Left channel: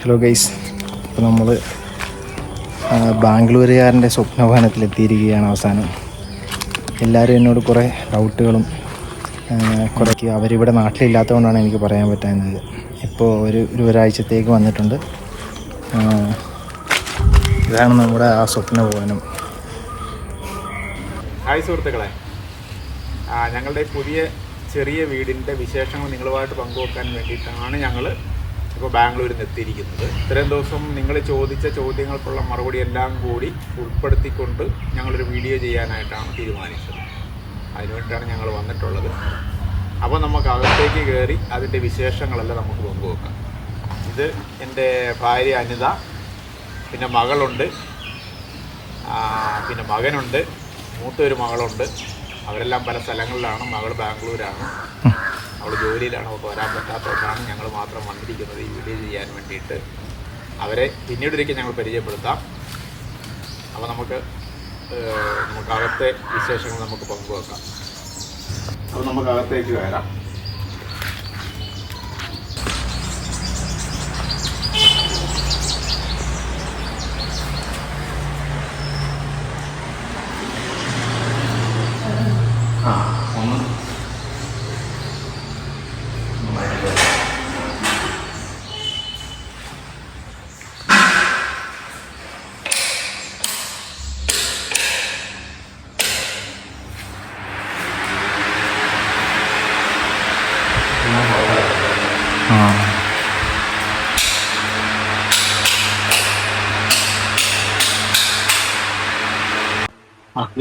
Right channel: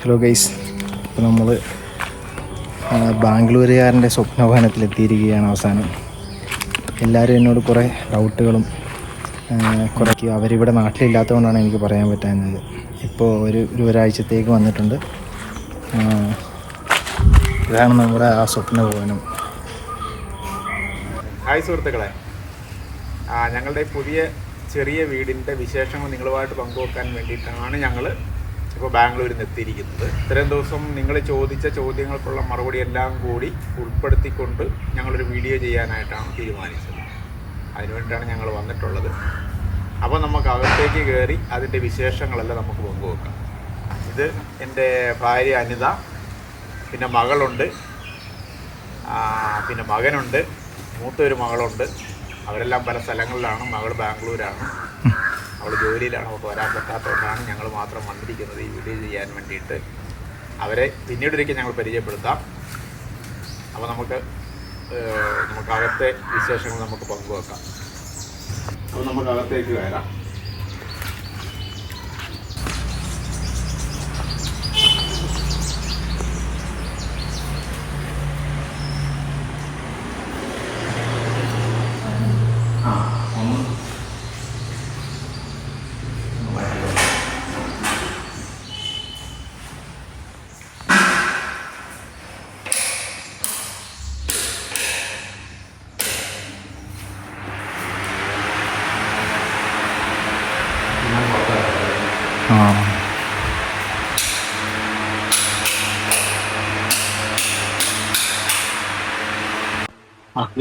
Hello guys, ഇപ്പോൾ നമ്മൾ ബാംഗ്ലൂരുകാരൻ്റെ സ്വപ്നഭവനത്തിലെത്തിയിരിക്കുകയാണ്. അവസാനം എല്ലാവരും എന്നോട് കുറേ ഡൗട്ടുകളും കുറേക്ക് അവരിവിടെ നാട്ടിലില്ലാത്തതുകൊണ്ടാണ് എനിക്ക് പറയാൻ പറ്റാഞ്ഞത്. ഇപ്പോൾ ഒരാഴ്ചത്തേക്ക് വന്നിട്ടുണ്ട്. ഇതാണ് നമ്മുടെ ആ സ്വപ്നഭവനം. ഹായ് സുഹൃത്തുക്കളെ, ഞങ്ങളുടെ പുതിയ ചെറിയ വീടിൻ്റെ വിശേഷങ്ങൾ നിങ്ങളുമായിട്ട് പങ്കുവെക്കാൻ വേണ്ടിയിട്ടാണ് ഞങ്ങൾ ഇപ്പോൾ ബാംഗ്ലൂരിൽ നിന്ന് എത്തിയിരിക്കുന്നത്. ഇത്രയും ദിവസം നിങ്ങൾ ചോദിച്ച ചോദ്യങ്ങൾക്കുള്ള മറുപടി എല്ലാം കൂടി ഉൾപ്പെടുത്തിക്കൊണ്ട് ഞങ്ങളൊരു വീഡിയോ ചെയ്യാനായിട്ടാണ് തീരുമാനിച്ചത്. അതിനുവേണ്ടിയിട്ടാണ് ഞങ്ങൾ വന്നിട്ടുള്ളത്. അപ്പോൾ നമുക്ക് അകത്തേക്ക് കയറി അതിൻ്റെ വിശേഷങ്ങളെല്ലാം നമുക്ക് പങ്കുവെക്കാം. ഇത് എൻ്റെ ഭാര്യ അനിത, പിന്നെ മകളുണ്ട്, പിന്നെ മകനുണ്ട്, മൂത്തൊരു മകളുണ്ട്. അവരെല്ലാം പല സ്ഥലങ്ങളിലാണ്. മകൾ ബാംഗ്ലൂരാണ്, അവൾ ജോലിയിലാണ്. അവൾക്ക് വരാൻ പറ്റാത്തതുകൊണ്ടാണ് ഞങ്ങൾ മാത്രം വന്നിരിക്കുന്നത് ഈ വീഡിയോ ചെയ്യാൻ വേണ്ടിയിട്ട്. അവരെ പിന്നീടൊരിക്കൽ ഞങ്ങൾ പരിചയപ്പെടുത്താം. അപ്പോൾ നമുക്ക് അകത്തെ വിശേഷങ്ങൾ നമുക്ക് പങ്കുവെക്കാം. അപ്പോൾ നമുക്ക് അകത്തേക്ക് കയറാം.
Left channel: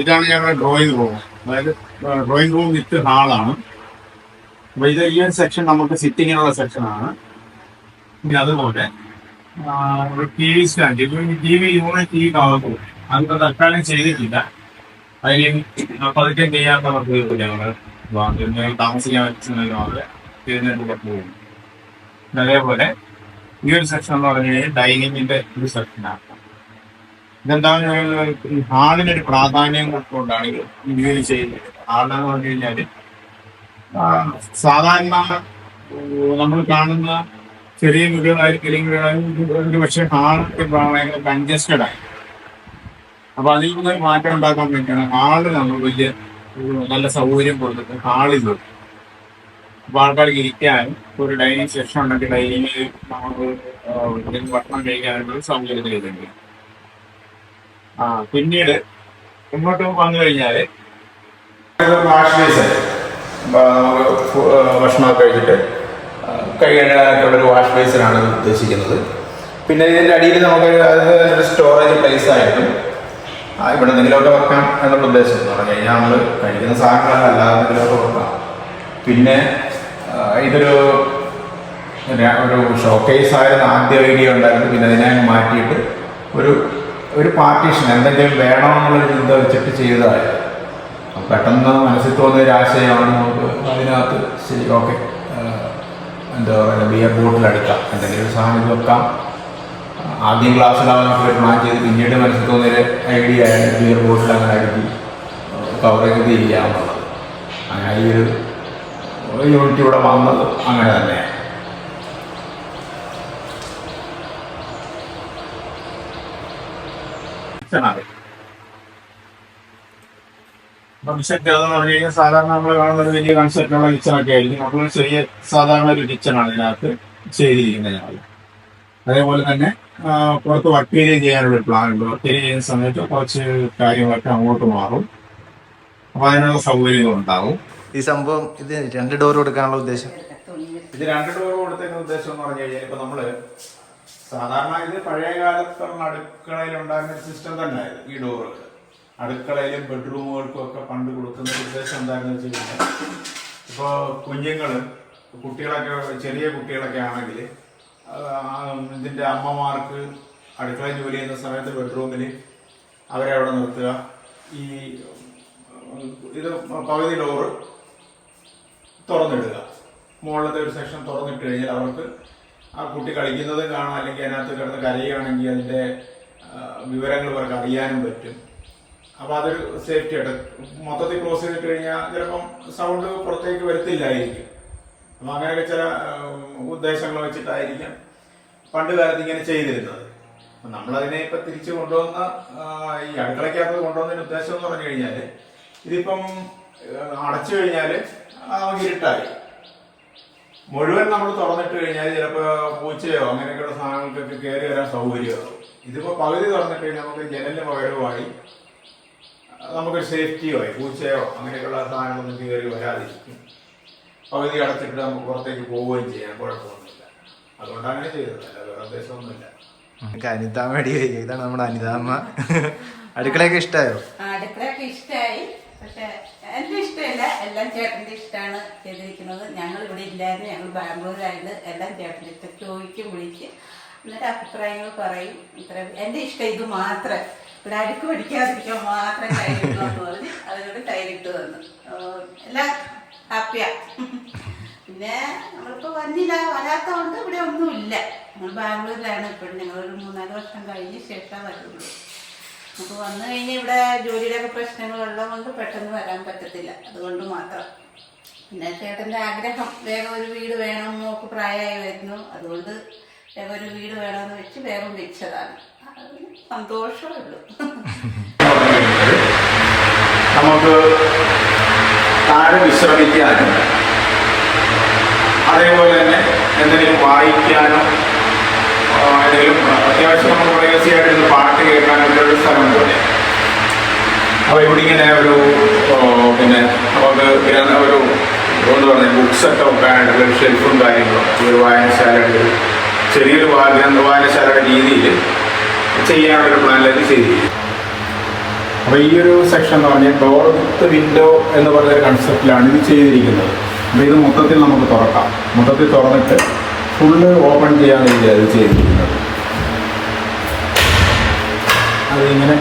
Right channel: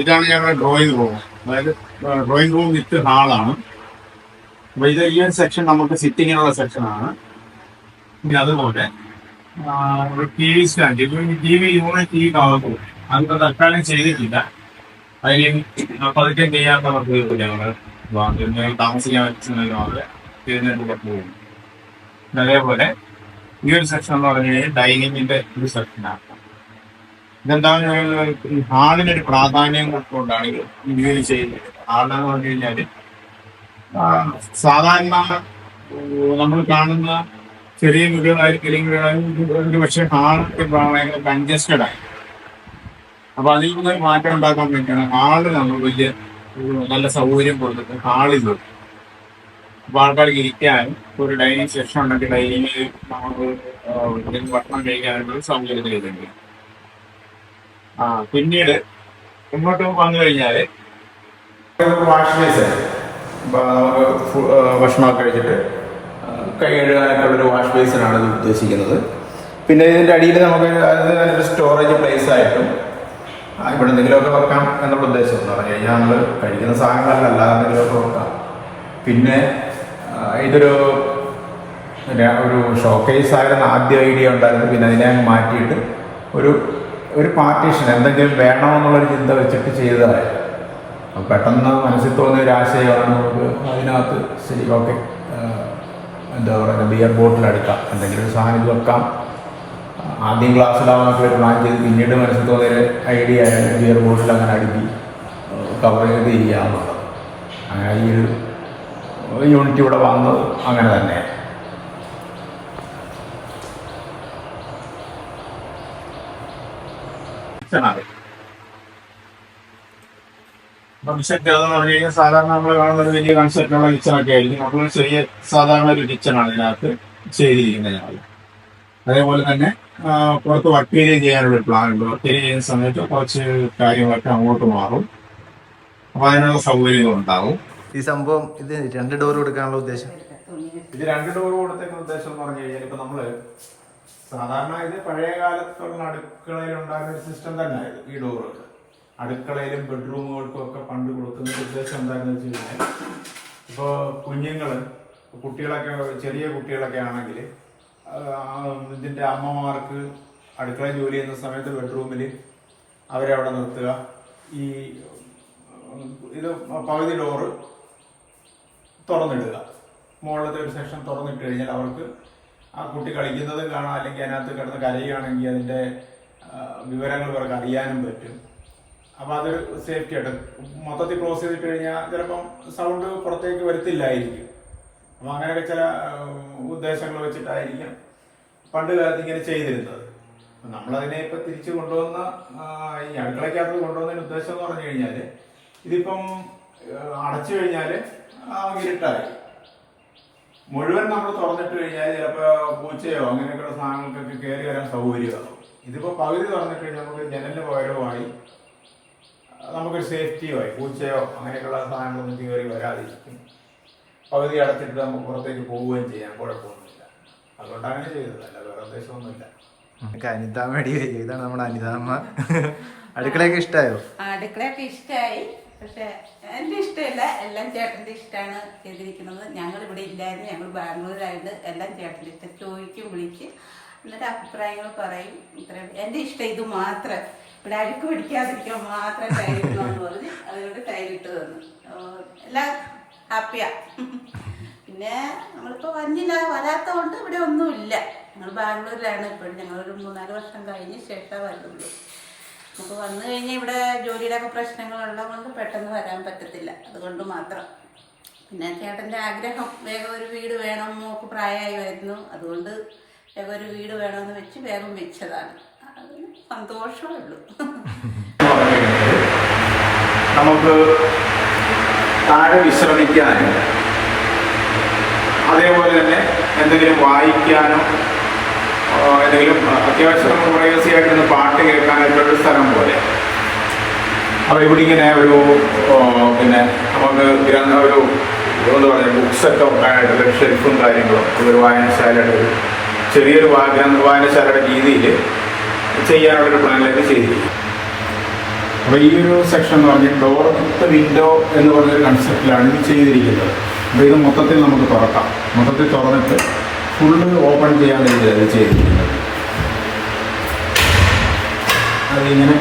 ഇതാണ് ഞങ്ങളുടെ ഡ്രോയിങ് റൂം. അതായത് ഡ്രോയിങ് റൂം വിത്ത് ഹാളാണ്. അപ്പോൾ ഇത് ഈ ഒരു സെക്ഷൻ നമുക്ക് സിറ്റിങ്ങിനുള്ള സെക്ഷനാണ്. പിന്നെ അതുപോലെ ഒരു T V stand, T V കാണുന്നു. അതിപ്പോൾ തൽക്കാലം ചെയ്തിട്ടില്ല. അതിന് പതുക്കെ ചെയ്യാത്തവർക്ക് ഞങ്ങൾ താമസിക്കാൻ പറ്റുന്ന പോകും. അതേപോലെ ഈ ഒരു സെക്ഷൻ എന്ന് പറഞ്ഞു കഴിഞ്ഞാൽ ഡൈനിങ്ങിന്റെ ഒരു സെക്ഷനാണ്. ഇതെന്താണ് ഈ ഹാളിനൊരു പ്രാധാന്യം കൊണ്ടാണ് ഇത് ചെയ്യുന്നത്. ഹാളെന്ന് പറഞ്ഞു കഴിഞ്ഞാൽ സാധാരണ നമ്മൾ കാണുന്ന ചെറിയ വീടുകളായിരിക്കും ഒരു പക്ഷേ ഹാളൊക്കെ ഭയങ്കര കൺജസ്റ്റഡ് ആയി. അപ്പൊ അതിൽ നിന്ന് മാറ്റം ഉണ്ടാക്കാൻ വേണ്ടിയാണ് ഹാള് നമ്മൾ വലിയ നല്ല സൗകര്യം കൊടുത്തിട്ട് ഹാളിൽ കൊടുക്കും. അപ്പൊ ആൾക്കാർക്ക് ഇരിക്കാനും ഒരു ഡൈനിങ് സെക്ഷൻ ഉണ്ടെങ്കിൽ ഡൈനിങ്ങിൽ നമുക്ക് ഭക്ഷണം കഴിക്കാനുള്ള സൗകര്യം ചെയ്തിട്ടുണ്ട്. പിന്നീട് മുന്നോട്ട് വന്നു കഴിഞ്ഞാൽ വാഷ് ബേസിൻ, നമുക്ക് ഭക്ഷണമൊക്കെ കഴിച്ചിട്ട് കൈ കഴുകാനായിട്ടുള്ളൊരു വാഷ് ബേസിനാണ് ഇത് ഉദ്ദേശിക്കുന്നത്. പിന്നെ ഇതിൻ്റെ അടിയിൽ നമുക്ക് അതിനൊരു സ്റ്റോറേജ് പ്ലേസ് ആയിട്ടും ഇവിടെ എന്തെങ്കിലുമൊക്കെ വെക്കാം എന്നുള്ള ഉദ്ദേശം എന്ന് പറഞ്ഞു കഴിഞ്ഞാൽ നമ്മൾ കഴിക്കുന്ന സാധനങ്ങളല്ല, അല്ലാതെ എന്തെങ്കിലുമൊക്കെ വെക്കാം. പിന്നെ ഇതൊരു ഷോക്കേസ് ആയിരുന്നു ആദ്യ ഐഡിയ ഉണ്ടായിരുന്നു. പിന്നെ അതിനെ മാറ്റിയിട്ട് ഒരു പാർട്ടീഷൻ എന്തെങ്കിലും വേണമെന്നുള്ളൊരു ചിന്ത വെച്ചിട്ട് ചെയ്തതായിരുന്നു. അപ്പം പെട്ടെന്ന് മനസ്സിൽ തോന്നിയ ഒരു ആശയമാണ് നമുക്ക് അതിനകത്ത് ശരി ഓക്കെ എന്താ പറയുക ബിയർ ബോട്ടിൽ എടുക്കാം, എന്തെങ്കിലും ഒരു സാധനം വെക്കാം. ആദ്യം ക്ലാസ്സിലാവാനൊക്കെ ഒരു പ്ലാൻ ചെയ്ത് പിന്നീട് മനസ്സിൽ തോന്നിയൊരു ഐഡിയ ആയിരുന്നു ബിയർ ബോട്ടിൽ അങ്ങനെ അടുക്കി കവർ ചെയ്ത് ചെയ്യാമെന്നുള്ളത്. അങ്ങനെ ഈ ഒരു യൂണിറ്റ് ഇവിടെ വന്നത് അങ്ങനെ തന്നെ. കിച്ചൺ എന്ന് പറഞ്ഞു കഴിഞ്ഞാൽ സാധാരണ നമ്മൾ കാണുന്ന ഒരു വലിയ കൺസെപ്റ്റുള്ള കിച്ചണൊക്കെ ആയിരിക്കും. നമ്മൾ ചെറിയ സാധാരണ ഒരു കിച്ചണാണ് ഇതിനകത്ത് ചെയ്തിരിക്കുന്നത് ഞങ്ങൾ. അതേപോലെ തന്നെ പുറത്ത് വർക്ക് ഏരിയ ചെയ്യാനുള്ള പ്ലാൻ ഉണ്ട്. വർക്ക് ഏരിയ ചെയ്യുന്ന സമയത്ത് കുറച്ച് കാര്യങ്ങളൊക്കെ അങ്ങോട്ട് മാറും. അപ്പൊ അതിനുള്ള സൗകര്യങ്ങളുണ്ടാവും. ഈ സംഭവം ഇത് 2 ഡോർ കൊടുക്കാനുള്ള ഉദ്ദേശം, ഇത് 2 ഡോർ കൊടുത്തതിന്റെ ഉദ്ദേശം എന്ന് പറഞ്ഞു കഴിഞ്ഞാൽ ഇപ്പൊ നമ്മള് സാധാരണ ഇത് പഴയ കാലത്തുള്ള അടുക്കളയിൽ ഉണ്ടായിരുന്ന ഒരു സിസ്റ്റം തന്നെ ആയിരുന്നു. ഈ ഡോറൊക്കെ അടുക്കളയിലും ബെഡ്റൂമുകൾക്കും ഒക്കെ പണ്ട് കൊടുക്കുന്ന ഉദ്ദേശം എന്തായിരുന്നു വെച്ച് കഴിഞ്ഞാൽ ഇപ്പോൾ കുട്ടികളൊക്കെ ചെറിയ കുട്ടികളൊക്കെ ആണെങ്കിൽ ഇതിൻ്റെ അമ്മമാർക്ക് അടുക്കളയിൽ ജോലി ചെയ്യുന്ന സമയത്ത് ബെഡ്റൂമിൽ അവരെ അവിടെ നിർത്തുക. ഇത് പകുതി ഡോറ് തുറന്നിടുക. മുകളിലത്തെ ഒരു സെക്ഷൻ തുറന്നിട്ട് കഴിഞ്ഞാൽ അവർക്ക് ആ കുട്ടി കളിക്കുന്നത് കാണാം, അല്ലെങ്കിൽ അതിനകത്ത് കിടന്ന് കരയുകയാണെങ്കിൽ അതിൻ്റെ വിവരങ്ങൾ അവർക്ക് അറിയാനും പറ്റും. അപ്പോൾ അതൊരു സേഫ്റ്റി ആയിട്ട് മൊത്തത്തിൽ ക്ലോസ് ചെയ്തിട്ട് കഴിഞ്ഞാൽ ചിലപ്പം സൗണ്ട് പുറത്തേക്ക് വരത്തില്ലായിരിക്കും. അപ്പം അങ്ങനെയൊക്കെ ചില ഉദ്ദേശങ്ങൾ വെച്ചിട്ടായിരിക്കും പണ്ട് കാലത്ത് ഇങ്ങനെ ചെയ്തിരുന്നത്. നമ്മളതിനെ ഇപ്പം തിരിച്ചു കൊണ്ടുവന്ന ഈ അടുക്കളയ്ക്കകത്ത് കൊണ്ടുവന്നതിന് ഉദ്ദേശം എന്ന് പറഞ്ഞു കഴിഞ്ഞാൽ ഇതിപ്പം അടച്ചു കഴിഞ്ഞാൽ നമുക്ക് ഇരുട്ടായി. മുഴുവൻ നമ്മൾ തുറന്നിട്ട് കഴിഞ്ഞാൽ ചിലപ്പോൾ പൂച്ചയോ അങ്ങനെയൊക്കെയുള്ള സാധനങ്ങൾക്കൊക്കെ കയറി വരാൻ സൗകര്യമാകും. ഇതിപ്പോൾ പകുതി തുറന്നിട്ട് കഴിഞ്ഞാൽ നമുക്ക് ജനലിന് പകരമായി നമുക്കൊരു സേഫ്റ്റിയുമായി പൂച്ചയോ അങ്ങനെയൊക്കെയുള്ള സാധനങ്ങളൊന്നും കയറി വരാതിരിക്കും. പകുതി അടച്ചിട്ട് നമുക്ക് പുറത്തേക്ക് പോവുകയും ചെയ്യാൻ കുഴപ്പമൊന്നുമില്ല. അതുകൊണ്ടാണ് ചെയ്തത്, അല്ല വേറെ ഉദ്ദേശമൊന്നുമില്ല. അനിതാമ്മ അടി കഴിക്കുക. ഇതാണ് നമ്മുടെ അനിതാമ്മ. അടുക്കളയൊക്കെ ഇഷ്ടമായോ? അടുക്കളയൊക്കെ ഇഷ്ടമായി, പക്ഷെ എന്റെ ഇഷ്ടമില്ല, എല്ലാം ചേട്ടന്റെ ഇഷ്ടമാണ് ചെയ്തിരിക്കുന്നത്. ഞങ്ങൾ ഇവിടെ ഇല്ലായിരുന്നു, ഞങ്ങൾ ബാംഗ്ലൂരായത്. എല്ലാം ചേട്ടൻ്റെ ഇഷ്ടം, ചോദിക്കും വിളിച്ച്, എന്നിട്ട് അഭിപ്രായങ്ങൾ പറയും. ഇത്ര എന്റെ ഇഷ്ടം ഇത് മാത്രം, ഇവിടെ അഴുക്ക് പിടിക്കാതിരിക്കാൻ മാത്രം ടൈലിട്ടു പറഞ്ഞ് അതുകൊണ്ട് ടൈലിട്ട് വന്നു. എല്ലാം ഹാപ്പിയാ. പിന്നെ നമ്മളിപ്പോൾ വരാത്ത കൊണ്ട് ഇവിടെ ഒന്നുമില്ല. ഞങ്ങൾ ബാംഗ്ലൂരിലാണ് ഇപ്പോഴും. ഞങ്ങളൊരു 3-4 വർഷം കഴിഞ്ഞ് ശേഷം വരുള്ളൂ. നമുക്ക് വന്നു കഴിഞ്ഞാൽ ഇവിടെ ജോലിയുടെ ഒക്കെ പ്രശ്നങ്ങളുള്ളത് കൊണ്ട് പെട്ടെന്ന് വരാൻ പറ്റത്തില്ല, അതുകൊണ്ട് മാത്രം. പിന്നെ ചേട്ടൻ്റെ ആഗ്രഹം വേഗം ഒരു വീട് വേണം, മോക്ക് പ്രായമായി വരുന്നു, അതുകൊണ്ട് വേഗം ഒരു വീട് വേണമെന്ന് വെച്ച് വേഗം വെച്ചതാണ്. അതിന് സന്തോഷമേ ഉള്ളൂ. നമുക്ക് താഴെ വിശ്രമിക്കാനും അതേപോലെ തന്നെ എന്തെങ്കിലും വായിക്കാനോ എന്തെങ്കിലും അത്യാവശ്യം നമ്മൾ പ്രൈവസിയായിട്ടൊന്ന് പാട്ട് കേൾക്കാനൊക്കെ ഒരു സ്ഥലം പോലെ. അപ്പോൾ ഇവിടെ ഇങ്ങനെ ഒരു പിന്നെ നമുക്ക് ഒരു എന്താ പറയുക ബുക്സൊക്കെ വെക്കാനായിട്ടുള്ള ഒരു ഷെൽഫും കാര്യങ്ങളും ഒരു വായനശാലയുടെ ഒരു ചെറിയൊരു വായനശാലയുടെ രീതിയിൽ ചെയ്യാനുള്ളൊരു പ്ലാനിലേക്ക് ചെയ്തിരിക്കും. അപ്പോൾ ഈ ഒരു സെക്ഷൻ എന്ന് പറഞ്ഞാൽ ഡോർ വിത്ത് വിൻഡോ എന്ന് പറഞ്ഞൊരു കൺസെപ്റ്റിലാണ് ഇത് ചെയ്തിരിക്കുന്നത്. അപ്പോൾ ഇത് മൊത്തത്തിൽ നമുക്ക് തുറക്കാം. മൊത്തത്തിൽ തുറന്നിട്ട് ഫുള്ള് ഓപ്പൺ ചെയ്യാൻ വേണ്ടിയാണ് ഇത് ചെയ്തിരിക്കുന്നത്. അതിങ്ങനെ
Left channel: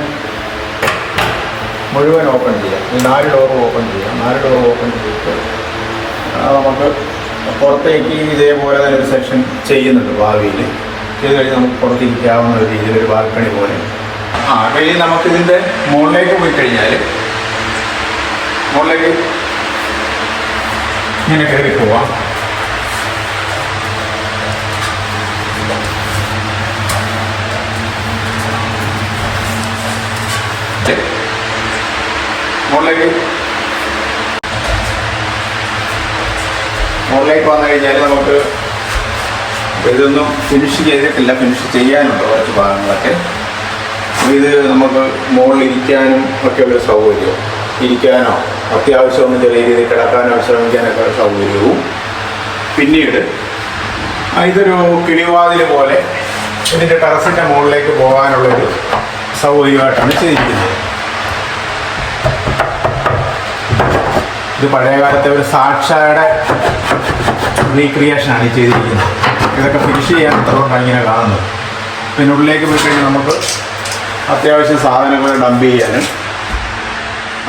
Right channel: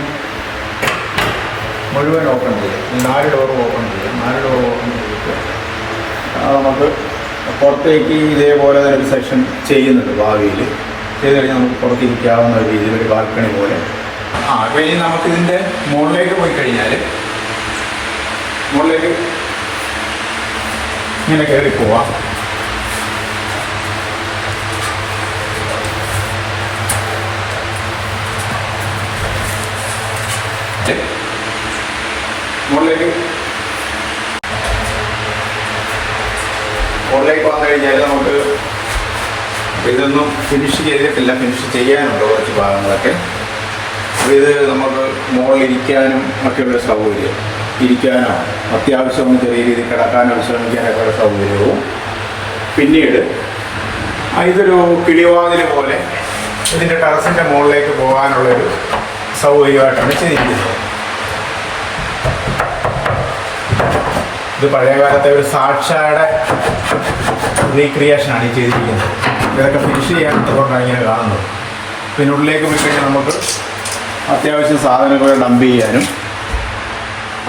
മുഴുവൻ ഓപ്പൺ ചെയ്യാം. 4 ഡോറും ഓപ്പൺ ചെയ്യാം. 4 ഡോർ ഓപ്പൺ ചെയ്തിട്ട് നമുക്ക് പുറത്തേക്ക് ഇതേപോലെ തന്നെ ഒരു സെക്ഷൻ ചെയ്യുന്നുണ്ട്. ഭാവിയിൽ ചെയ്ത് കഴിഞ്ഞാൽ നമുക്ക് പുറത്തിരിക്കാവുന്ന ഒരു രീതിയിലൊരു ബാൽക്കണി പോലെ. കഴിഞ്ഞ് നമുക്കിതിൻ്റെ മുകളിലേക്ക് പോയി കഴിഞ്ഞാൽ മുകളിലേക്ക് ഇങ്ങനെ കയറി പോവാം. മുകളിലേക്ക് വന്നു കഴിഞ്ഞാൽ നമുക്ക് ഇതൊന്നും ഫിനിഷ് ചെയ്തിട്ടില്ല, ഫിനിഷ് ചെയ്യാനുണ്ട് കുറച്ച് ഭാഗങ്ങളൊക്കെ. അപ്പോൾ ഇത് നമുക്ക് മുകളിലിരിക്കാനും ഒക്കെയുള്ള സൗകര്യം, ഇരിക്കാനോ അത്യാവശ്യം ഒന്ന് ചെറിയ രീതിയിൽ കിടക്കാനോ വിശ്രമിക്കാനൊക്കെ സൗകര്യവും. പിന്നീട് ഇതൊരു കിളിവാതിൽ പോലെ ഇതിൻ്റെ ടെറസിൻ്റെ മുകളിലേക്ക് പോകാനുള്ളൊരു സൗകര്യമായിട്ടാണ് ചെയ്തിരിക്കുന്നത്. ഇത് പഴയകാലത്തെ ഒരു സാക്ഷയുടെ റീക്രിയേഷനാണ് ഈ ചെയ്തിരിക്കുന്നത്. ഇതൊക്കെ ഫിനിഷ് ചെയ്യാൻ ഇത്രകൊണ്ടാണ് ഇങ്ങനെ കാണുന്നത്. പിന്നെ ഉള്ളിലേക്ക് പോയി കഴിഞ്ഞാൽ നമുക്ക് അത്യാവശ്യം സാധനങ്ങൾ ഡംപ് ചെയ്യാനും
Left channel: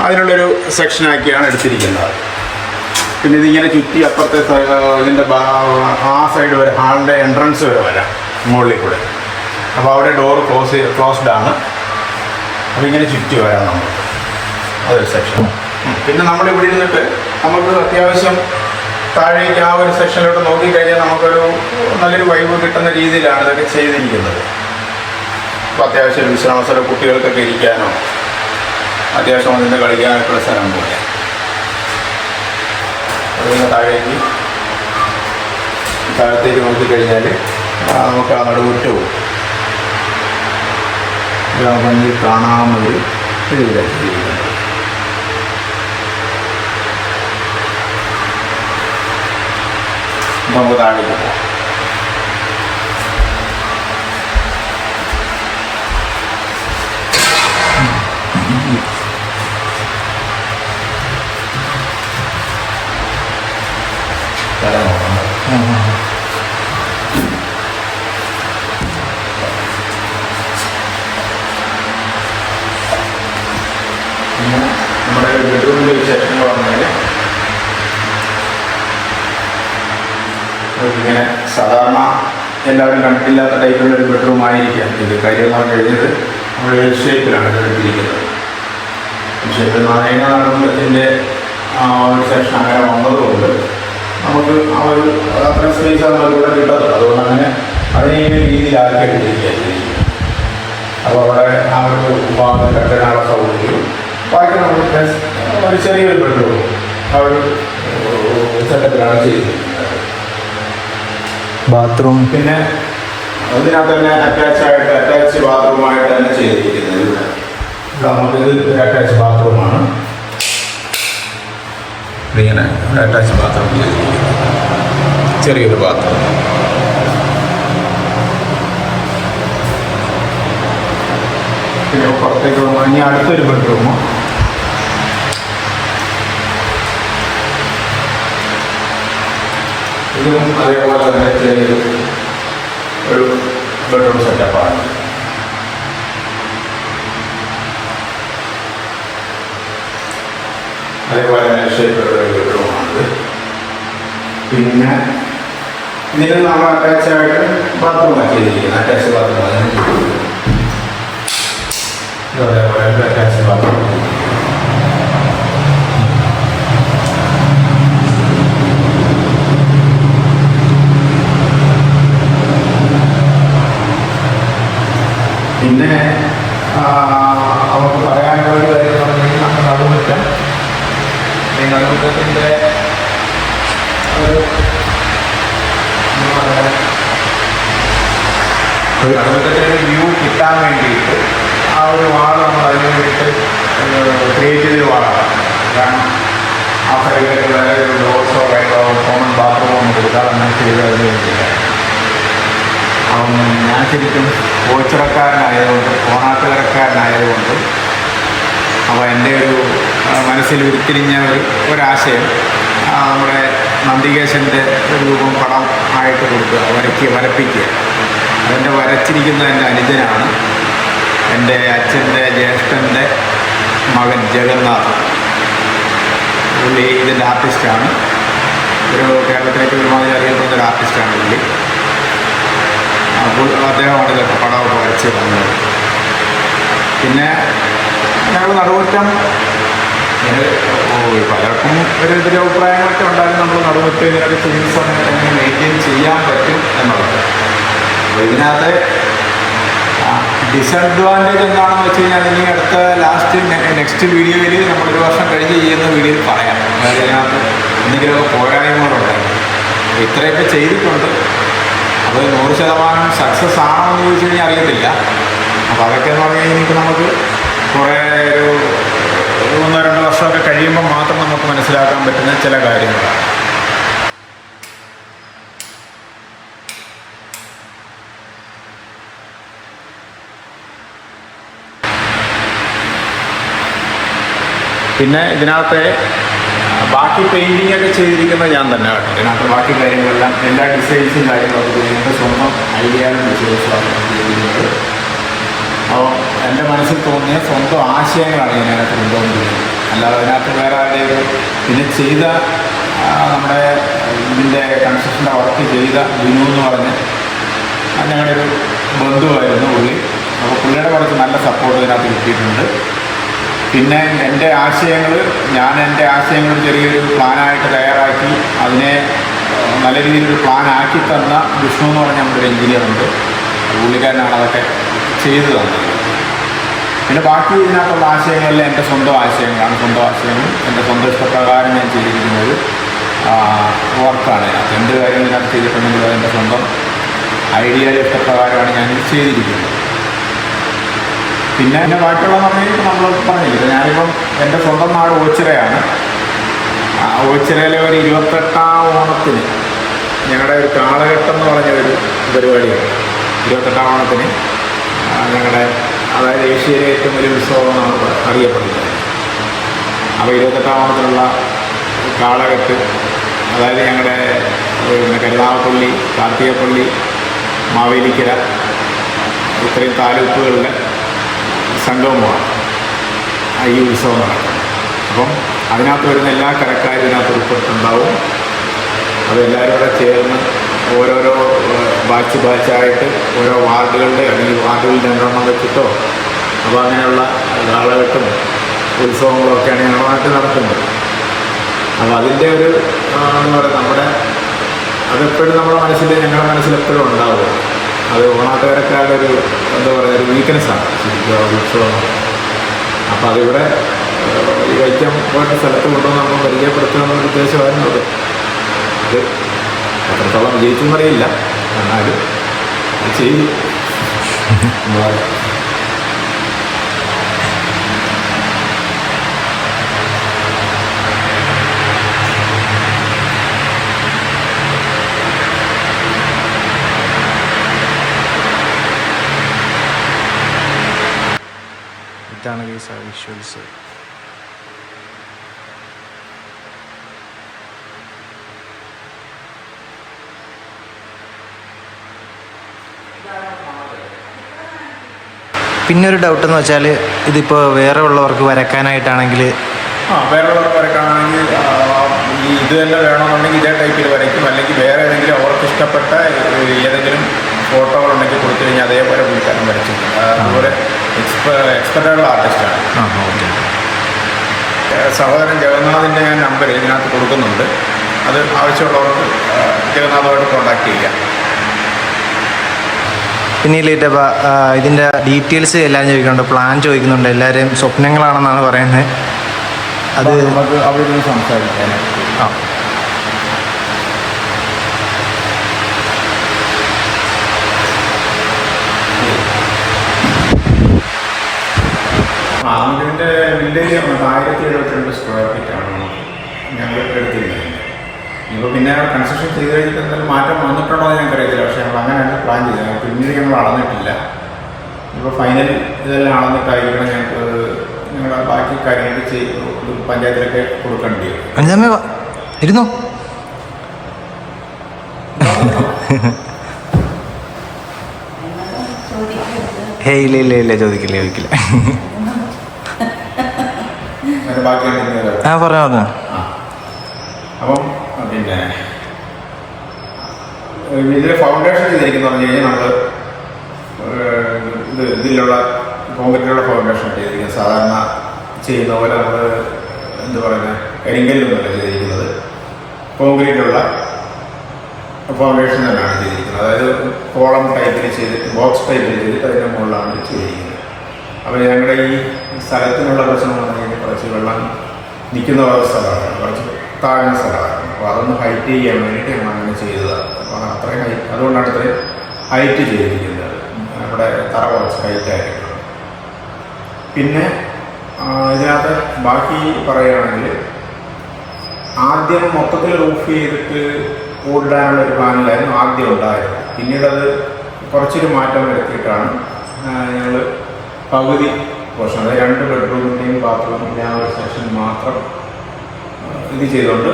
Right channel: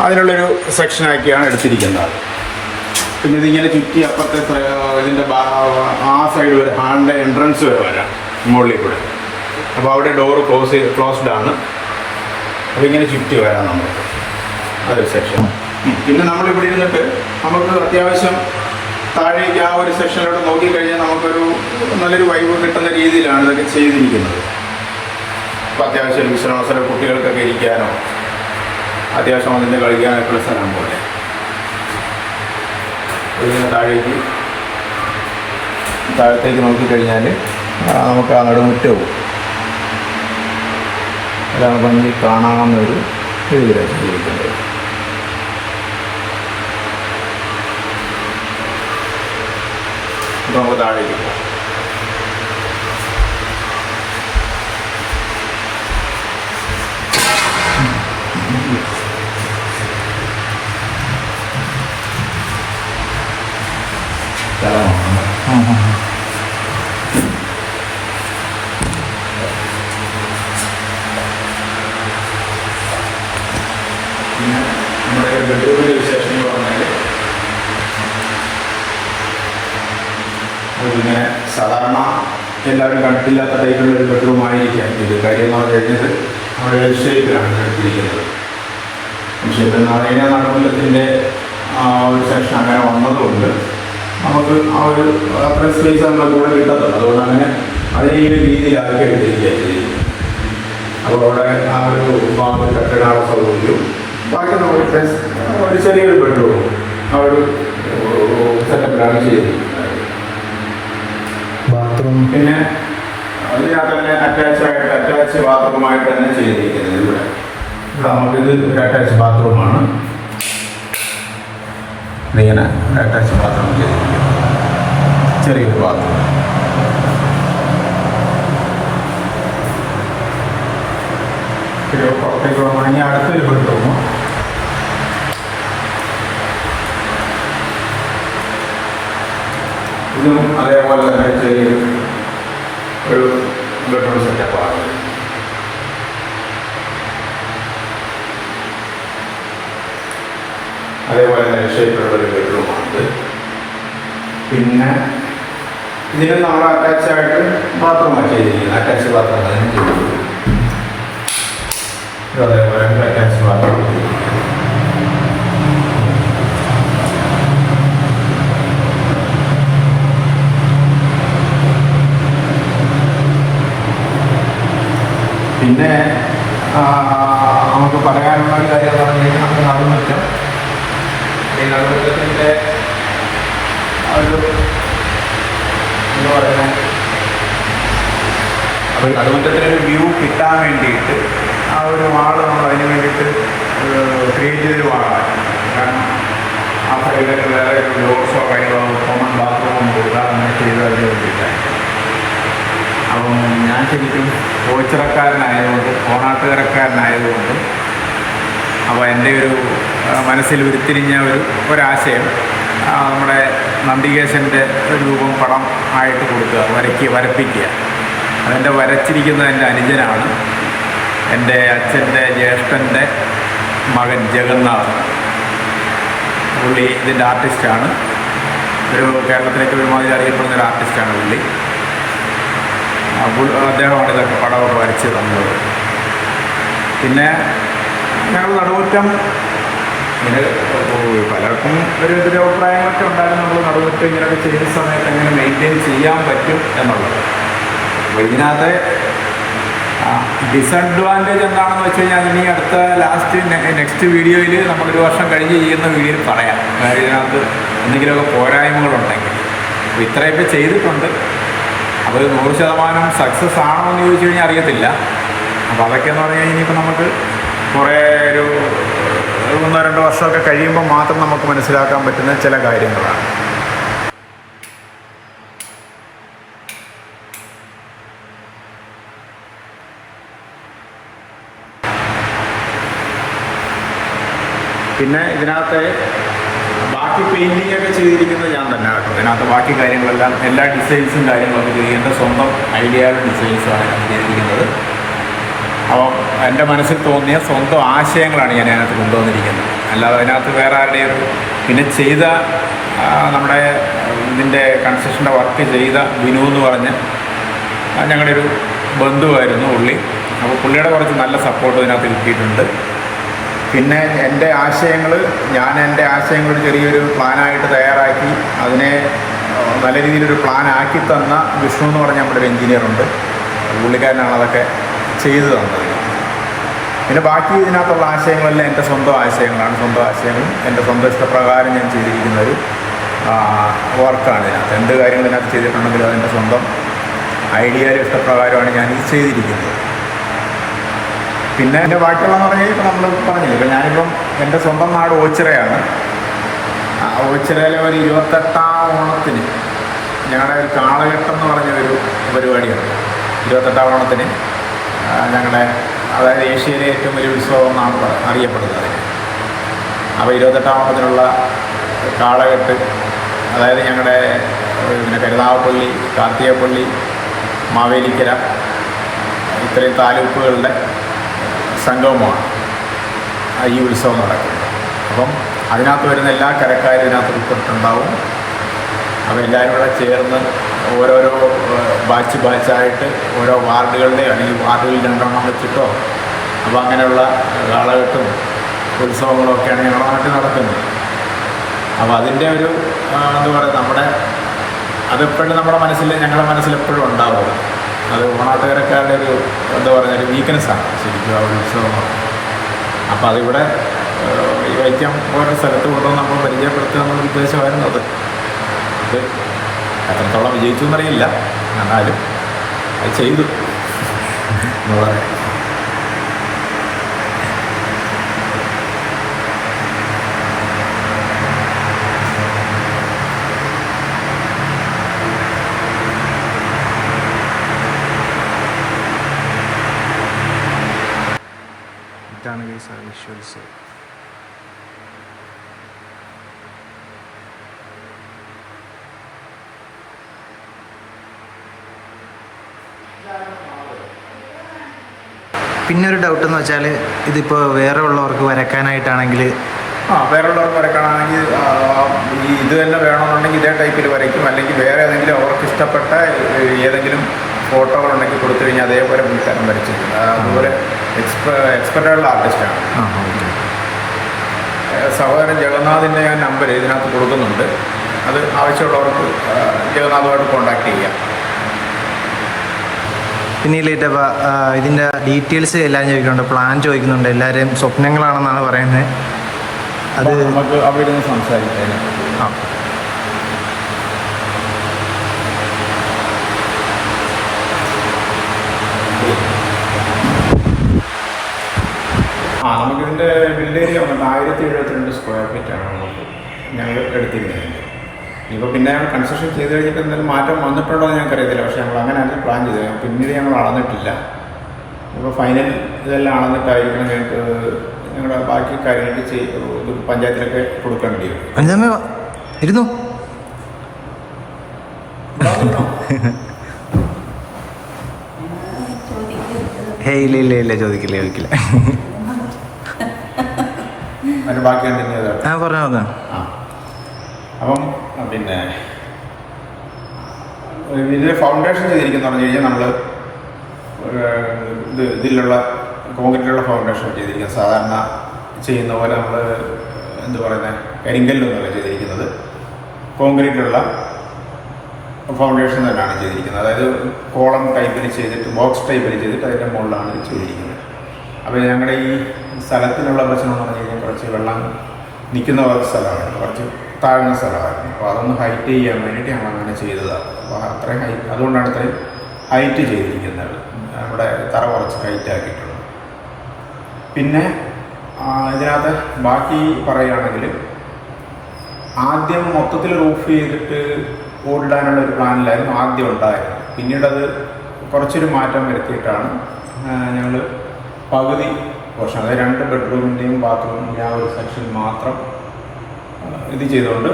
അതിനുള്ളൊരു സെക്ഷനാക്കിയാണ് എടുത്തിരിക്കുന്നത്. പിന്നെ ഇതിങ്ങനെ ചുറ്റി അപ്പുറത്തെ ഇതിൻ്റെ ആ സൈഡ് വരെ ഹാളിൻ്റെ എൻട്രൻസ് വരെ വരാം മുകളിൽ കൂടെ. അപ്പോൾ അവിടെ ഡോർ ക്ലോസ്ഡ് ആണ്. അപ്പോൾ ഇങ്ങനെ ചുറ്റി വരാം നമുക്ക്, അതൊരു സെക്ഷൻ. പിന്നെ നമ്മളിവിടെ ഇരുന്നിട്ട് നമുക്ക് അത്യാവശ്യം താഴേക്ക് ആ ഒരു സെക്ഷനിലോട്ട് നോക്കിക്കഴിഞ്ഞാൽ നമുക്കൊരു നല്ലൊരു വൈബ് കിട്ടുന്ന രീതിയിലാണ് ഇതൊക്കെ ചെയ്തിരിക്കുന്നത്. അപ്പോൾ അത്യാവശ്യം വിശ്രമ സ്ഥലം കുട്ടികൾക്കൊക്കെ ഇരിക്കാനോ അത്യാവശ്യം അതിൻ്റെ കളിക്കാനൊക്കെ സ്ഥലം പോലെ. അതിന് താഴത്തേക്ക് നോക്കിക്കഴിഞ്ഞാൽ നമുക്ക് ആ നടുമുറ്റവും ഭംഗി കാണാവുന്നൊരു രീതിയിലാണ് ചെയ്തിരിക്കുന്നത്. നമുക്ക് താഴേക്ക് പോകാം. നമ്മുടെ ബെഡ്റൂമിൻ്റെ വിശേഷം എന്ന് പറഞ്ഞാൽ ഇങ്ങനെ സാധാരണ എല്ലാവരും കണ്ടിട്ടില്ലാത്ത ടൈപ്പിലുള്ളൊരു ബെഡ്റൂം ആയിരിക്കാം ഇത്. കാര്യം എന്ന് പറഞ്ഞു കഴിഞ്ഞത് നമ്മൾ എൽ ഷേപ്പിലാണ് എടുത്തിരിക്കുന്നത്. എൽ ഷേപ്പിൽ എന്ന് പറഞ്ഞു കഴിഞ്ഞാൽ നടന്നതിൻ്റെ ഒരു സെക്ഷൻ അങ്ങനെ വന്നതുകൊണ്ട് നമുക്ക് ആ ഒരു അത്രയും സ്പേസ് നമുക്ക് ഇവിടെ കിട്ടത്തുള്ളൂ. അതുകൊണ്ട് അങ്ങനെ അതിനെ ഈ രീതിയിലാക്കി എടുത്തിരിക്കുകയാണ്. അപ്പോൾ അവിടെ ആ ഒരു ഭാഗത്ത് കെട്ടിടാനുള്ള സൗകര്യവും ബാക്കി നമുക്ക് ഒരു ചെറിയൊരു ബെഡ്റൂം ആ ഒരു സെറ്റപ്പിലാണ് ചെയ്തിരിക്കുന്നത്. ബാത്റൂം പിന്നെ അതിനകത്ത് തന്നെ അറ്റാച്ച് ബാത്റൂമായിട്ട് തന്നെ ചെയ്തിരിക്കുന്നത്. ഇത് ഒരു അറ്റാച്ച് ബാത്റൂമാണ്. ഇങ്ങനെ അറ്റാച്ച് ബാത്റൂം ചെയ്തിരിക്കുന്നത്, ചെറിയൊരു ബാത്റൂം. പിന്നെ പുറത്തേക്ക് പോകുമ്പോൾ ഇനി അടുത്തൊരു ബെഡ്റൂമ്. ഇതും അതേപോലെ തന്നെ ഒരു ബെഡ്റൂം സെറ്റപ്പാണ്. അതേപോലെ തന്നെ ഷേപ്പുള്ളൊരു ബെഡ്റൂമാണിത്. പിന്നെ ഇതിന് നമ്മൾ അറ്റാച്ചായിട്ട് ബാത്റൂമാണ് ചെയ്തിരിക്കുന്നത്. അറ്റാച്ച് ബാത്റൂം അതേപോലെ അറ്റാച്ച് ബാത്റൂം. പിന്നെ നമുക്ക് പറയാനുള്ള ഒരു കാര്യം എന്ന് പറഞ്ഞാൽ നമ്മുടെ നടുമുറ്റം, ഈ നടുമുറ്റത്തിൻ്റെ ഒരു എന്ന് പറഞ്ഞാൽ ഒരു നടുമുറ്റത്തിനൊരു വ്യൂ കിട്ടാൻ വേണ്ടിയിട്ട് ആ ഒരു വാള് നമ്മൾ അതിന് വേണ്ടിയിട്ട് ക്രിയേറ്റ് ചെയ്തൊരു വാളാണ്. കാരണം ആ സൈഡിലേക്ക് വേറെ ഒരു ഡോർസോ കാര്യങ്ങളോ കോമൺ ബാത്റൂമോ ഒന്നും കൊടുക്കാതെ അങ്ങനെ ചെയ്ത് അതിന് വേണ്ടിയില്ല. അപ്പം ഞാൻ ശരിക്കും ഓച്ചിറക്കാരനായതുകൊണ്ട് ഓണാട്ടുകരക്കാരനായതുകൊണ്ടും അപ്പോൾ എൻ്റെ ഒരു മനസ്സിൽ ഉരുത്തിരിഞ്ഞ ഒരാശയം നമ്മുടെ നന്ദികേശൻ്റെ രൂപം പടം ആയിട്ട് കൊടുക്കുക, വരപ്പിക്കുക. അതെൻ്റെ വരച്ചിരിക്കുന്ന എൻ്റെ അനുജനാണ്, എൻ്റെ അച്ഛൻ്റെ ജ്യേഷ്ഠൻ്റെ മകൻ ജഗന്നാഥ്. പുള്ളി ഇതിൻ്റെ ആർട്ടിസ്റ്റാണ്. ഒരു കേരളത്തിലേക്ക് ഒരുമാതിരി അറിയപ്പെടുന്ന ഒരു ആർട്ടിസ്റ്റാണ് പുള്ളി. അദ്ദേഹമാണ് ഇതൊക്കെ പടമൊക്കെ വരച്ച് തന്നത്. പിന്നെ ഞങ്ങൾ നടുമുറ്റം ഇങ്ങനെ പലർക്കും ഒരു എതിരഭിപ്രായങ്ങളൊക്കെ ഉണ്ടായിരുന്നു. നമ്മൾ നടുമുറ്റം ഇങ്ങനെയൊക്കെ ചെയ്യുന്ന സമയത്ത് എങ്ങനെ മെയിൻറ്റെയിൻ ചെയ്യാൻ പറ്റും എന്നുള്ളത്. അപ്പോൾ ഇതിനകത്ത് ഡിസഡ്വാൻറ്റേജ് എന്താണെന്ന് വെച്ച് കഴിഞ്ഞാൽ ഇനി അടുത്ത നെക്സ്റ്റ് വീഡിയോയിൽ നമ്മളൊരു വർഷം കഴിഞ്ഞ് ചെയ്യുന്ന വീഡിയോയിൽ പറയാം. കാര്യം ഇതിനകത്ത് എന്തെങ്കിലുമൊക്കെ പോരായ്മകളുണ്ടെങ്കിൽ. അപ്പോൾ ഇത്രയൊക്കെ ചെയ്തിട്ടുണ്ട്. അപ്പോൾ 100% സക്സസ് ആണോ എന്ന് ചോദിച്ചു കഴിഞ്ഞാൽ അറിയത്തില്ല. അപ്പോൾ അതൊക്കെയെന്ന് പറഞ്ഞു കഴിഞ്ഞാൽ ഇനിയിപ്പോൾ നമുക്ക് കുറേ ഒരു 1-2 വർഷമൊക്കെ കഴിയുമ്പോൾ മാത്രം നമുക്ക് മനസ്സിലാക്കാൻ പറ്റുന്ന ചില കാര്യങ്ങളാണ്. പിന്നെ ഇതിനകത്ത് ബാക്കി പെയിൻറ്റിംഗ് ഒക്കെ ചെയ്തിരിക്കുന്നത് ഞാൻ തന്നെ കേട്ടോ. ഇതിനകത്ത് ബാക്കി കാര്യങ്ങളെല്ലാം എല്ലാ ഡിസൈൻസും കാര്യങ്ങളൊക്കെ ചെയ്തിരിക്കുന്നത് സ്വന്തം ഐഡിയകളും ഡിസൈൻസുമാണ് ഞാൻ ചെയ്തിരിക്കുന്നത്. അപ്പോൾ എൻ്റെ മനസ്സിൽ തോന്നിയ സ്വന്തം ആശയങ്ങളാണ് ഞാൻ അതിനകത്ത് കൊണ്ടുവന്നിരിക്കുന്നത്. അല്ലാതെ അതിനകത്ത് വേറെ ആരുടെയും പിന്നെ ചെയ്ത നമ്മുടെ ഇതിൻ്റെ കൺസ്ട്രക്ഷൻ്റെ വർക്ക് ചെയ്ത ബിനു എന്ന് പറഞ്ഞ ഞങ്ങളുടെ ഒരു ബന്ധുവായിരുന്നു പുള്ളി. അപ്പോൾ പുള്ളിയുടെ കുറച്ച് നല്ല സപ്പോർട്ട് ഇതിനകത്ത് കിട്ടിയിട്ടുണ്ട്. പിന്നെ എൻ്റെ ആശയങ്ങൾ ചെറിയൊരു പ്ലാനായിട്ട് തയ്യാറാക്കി അതിനെ നല്ല രീതിയിലൊരു പ്ലാനാക്കി തന്ന വിഷ്ണു എന്ന് പറഞ്ഞ നമ്മുടെ ഒരു എൻജിനീയറുണ്ട്. പുള്ളിക്കാരനാണ് അതൊക്കെ ചെയ്തു തന്നത്. പിന്നെ ബാക്കി ഇതിനകത്തുള്ള ആശയങ്ങളെല്ലാം എൻ്റെ സ്വന്തം ആശയങ്ങളാണ്. സ്വന്തം ആശയങ്ങളും എൻ്റെ സ്വന്തം ഇഷ്ടപ്രകാരം ഞാൻ ചെയ്തിരിക്കുന്ന ഒരു വർക്കാണ് ഇതിനകത്ത്. എന്ത് കാര്യങ്ങൾ ഇതിനകത്ത് ചെയ്തിട്ടുണ്ടെങ്കിലും അതെൻ്റെ സ്വന്തം ഐഡിയയുടെ ഇഷ്ടപ്രകാരമാണ് ഞാനിത് ചെയ്തിരിക്കുന്നത്. പിന്നെ എൻ്റെ ബാക്കിയുള്ളതെന്ന് പറഞ്ഞാൽ ഇപ്പോൾ നമ്മൾ പറഞ്ഞില്ല, ഞാനിപ്പം എൻ്റെ സ്വന്തം നാട് ഓച്ചിറയാണ്. ഓച്ചിറയിലെ ഒരു 28ാം ഓണത്തിന് ഞങ്ങളുടെ ഒരു കാളകെട്ടം എന്ന് പറഞ്ഞൊരു പരിപാടിയാണ്. 28ാം ഓണത്തിന് ഞങ്ങളുടെ അതായത് ഏഷ്യയിലെ ഏറ്റവും വലിയ ഉത്സവം എന്നാണ് അറിയപ്പെടുന്നത്. അപ്പോൾ 28ാം ഓണത്തിനുള്ള കാളകെട്ട് അതായത് ഞങ്ങളുടെ പിന്നെ കരുനാഗപ്പള്ളി, കാർത്തികപ്പള്ളി, മാവേലിക്കര ഇത്രയും താലൂക്കുകളുടെ സംഗമമാണ് ഈ ഉത്സവം നടക്കുന്നത്. അപ്പം അതിനകത്ത് വരുന്ന എല്ലാ കരക്കാരും ഇതിനകത്ത് ഉൾപ്പെട്ടിട്ടുണ്ടാവും. അപ്പോൾ എല്ലാവരും കൂടെ ചേർന്ന് ഓരോരോ ബാച്ചായിട്ട് ഓരോ വാർഡുകളുടെ അല്ലെങ്കിൽ വാർഡുകളിൽ 2 എണ്ണം വെച്ചിട്ടോ അപ്പോൾ അങ്ങനെയുള്ള കാളകെട്ടും ഉത്സവങ്ങളൊക്കെയാണ് ഞങ്ങളുടെ നാട്ടിൽ നടത്തുന്നത്. അപ്പോൾ അതിൻ്റെ ഒരു എന്താ പറയുക അതെപ്പോഴും നമ്മുടെ മനസ്സിൽ ഞങ്ങളുടെ മനസ്സിലെപ്പോഴും ഉണ്ടാവും. അത് ഓണാട്ടുകാരക്കാരുടെ ഒരു എന്താ പറയുക ഒരു വീക്ക്നെസ്സാണ് ശരിക്കും ആ ഒരു ഉത്സവം എന്ന് പറയുന്നത്. അപ്പോൾ അതിവിടെ ഈ വൈക്കം പോലൊരു സ്ഥലത്ത് കൊണ്ടുവന്ന് നമ്മൾ പരിചയപ്പെടുത്തുക എന്നുള്ള ഉദ്ദേശമായിരുന്നു അത്. അത് എത്രത്തോളം വിജയിച്ചു എന്നറിയില്ല, എന്നാലും അത് ചെയ്തു എന്ന് പറയാം. ഇതാണ് ഗൈസ് ആ വിഷ്വൽസ്. പിന്നെ ഒരു ഡൗട്ട് എന്ന് വെച്ചാൽ ഇതിപ്പോൾ വേറെ ഉള്ളവർക്ക് വരയ്ക്കാനായിട്ടാണെങ്കിൽ വേറെ ഉള്ളവർക്ക് വരയ്ക്കണമെങ്കിൽ ഈ ഇത് തന്നെ വേണമെന്നുണ്ടെങ്കിൽ ഇതേ ടൈപ്പിൽ വരയ്ക്കും, അല്ലെങ്കിൽ വേറെ ഏതെങ്കിലും അവർക്ക് ഇഷ്ടപ്പെട്ട ഏതെങ്കിലും ഫോട്ടോകളുണ്ടെങ്കിൽ കൊടുത്തു കഴിഞ്ഞാൽ അതേപോലെ പുള്ളിക്കാരൻ വരച്ചിട്ടുണ്ട്. അതുപോലെ എക്സ്പെർട്ടായിട്ടുള്ള ആർട്ടിസ്റ്റാണ്. ഓക്കെ. സഹോദരൻ ജഗന്നാഥിൻ്റെ ഞാൻ നമ്പർ ഇതിനകത്ത് കൊടുക്കുന്നുണ്ട്. അത് ആവശ്യമുള്ളവർക്ക് ജഗന്നാഥുമായിട്ട് കോൺടാക്ട് ചെയ്യാം. പിന്നെ ഇല്ലേറ്റപ്പോൾ ഇതിൻ്റെ ഡീറ്റെയിൽസ് എല്ലാം ചോദിക്കുന്നുണ്ട്, പ്ലാൻ ചോദിക്കുന്നുണ്ട്. എല്ലാവരും സ്വപ്നങ്ങളാണെന്നാണ് പറയുന്നത്. അത് നമുക്ക് അവിടെ ഇരുന്ന് സംസാരിക്കാം. നമുക്കിതിൻ്റെ വില്ലേജ് വന്നിട്ട് 1072 സ്ക്വയർ ഫീറ്റാണ് നമുക്ക് ഞങ്ങൾ എടുത്തിരുന്നത്. ഇപ്പോൾ പിന്നെ കൺസ്ട്രക്ഷൻ ചെയ്ത് കഴിഞ്ഞിട്ട് എന്തെങ്കിലും മാറ്റം വന്നിട്ടുണ്ടോ എന്ന് ഞങ്ങൾക്കറിയത്തില്ല. പക്ഷേ ഞങ്ങൾ അങ്ങനെയല്ല പ്ലാൻ ചെയ്തത്. പിന്നീട് ഞങ്ങൾ അളന്നിട്ടില്ല. ഇപ്പോൾ ഫൈനൽ ഇതെല്ലാം അളന്നിട്ടായിരിക്കണം ഞങ്ങൾക്ക് ഞങ്ങളുടെ ബാക്കി കാര്യങ്ങൾ പഞ്ചായത്തിലൊക്കെ കൊടുക്കേണ്ടി വരും. അഞ്ചാമേ ഇരുന്നു. ഇല്ല ചോദിക്കില്ല. ബാക്കിയാണ് പറഞ്ഞോ. അപ്പം പിന്നെ ഇതിൽ ഫൗണ്ടേഷൻ ചെയ്തിരിക്കുന്ന പറഞ്ഞു കഴിഞ്ഞാൽ നമ്മൾ ഇതിലുള്ള കോൺക്രീറ്റിലുള്ള ഫൗണ്ടേഷൻ ചെയ്തിരിക്കുന്നത്. സാധാരണ ചെയ്യുന്ന പോലെ നമ്മൾ എന്ത് പറയുന്നത് കരിങ്കല്ലൊന്നുമല്ല ചെയ്തിരിക്കുന്നത്, കോൺക്രീറ്റിലുള്ള ഫൗണ്ടേഷൻ തന്നെയാണ് ചെയ്തിരിക്കുന്നത്. അതായത് കോളം ടൈപ്പിൽ ചെയ്തിട്ട് ബോക്സ് ടൈപ്പിൽ ചെയ്തിട്ട് അതിൻ്റെ മുകളിലാണ് ചെയ്തിരിക്കുന്നത്. അപ്പോൾ ഞങ്ങളുടെ ഈ സ്ഥലത്തിനുള്ള പ്രശ്നം എന്ന് പറഞ്ഞു കഴിഞ്ഞാൽ കുറച്ച് വെള്ളം നിൽക്കുന്ന ഒരു സ്ഥലമാണ്, കുറച്ച് താഴ്ന്ന സ്ഥലമായിരുന്നു. അപ്പോൾ അതൊന്ന് ഹൈറ്റ് ചെയ്യാൻ വേണ്ടിയിട്ട് ഞങ്ങൾ അങ്ങനെ ചെയ്തതാണ്. അപ്പോൾ അത്രയും ഹൈറ്റ്, അതുകൊണ്ടാണ് ഇത്രയും ഹൈറ്റ് ചെയ്തിരിക്കുന്നത്. അവിടെ തറ കുറച്ച് ഹൈറ്റ് ആക്കിയിട്ടുണ്ട്. പിന്നെ ഇതിനകത്ത് ബാക്കി പറയുകയാണെങ്കിൽ ആദ്യം മൊത്തത്തിൽ റൂഫ് ചെയ്തിട്ട് ഓടിടാനുള്ളൊരു പ്ലാനിലായിരുന്നു ആദ്യം ഉണ്ടായിരുന്നത്. പിന്നീടത് കുറച്ചൊരു മാറ്റം വരുത്തിയിട്ടാണ് ഞങ്ങൾ പകുതി പോർഷൻ, അതായത് 2 ബെഡ്റൂമിൻ്റെയും ബാത്റൂമിൻ്റെയും ആ ഒരു സെക്ഷൻ മാത്രം ഇത് ചെയ്തുകൊണ്ട്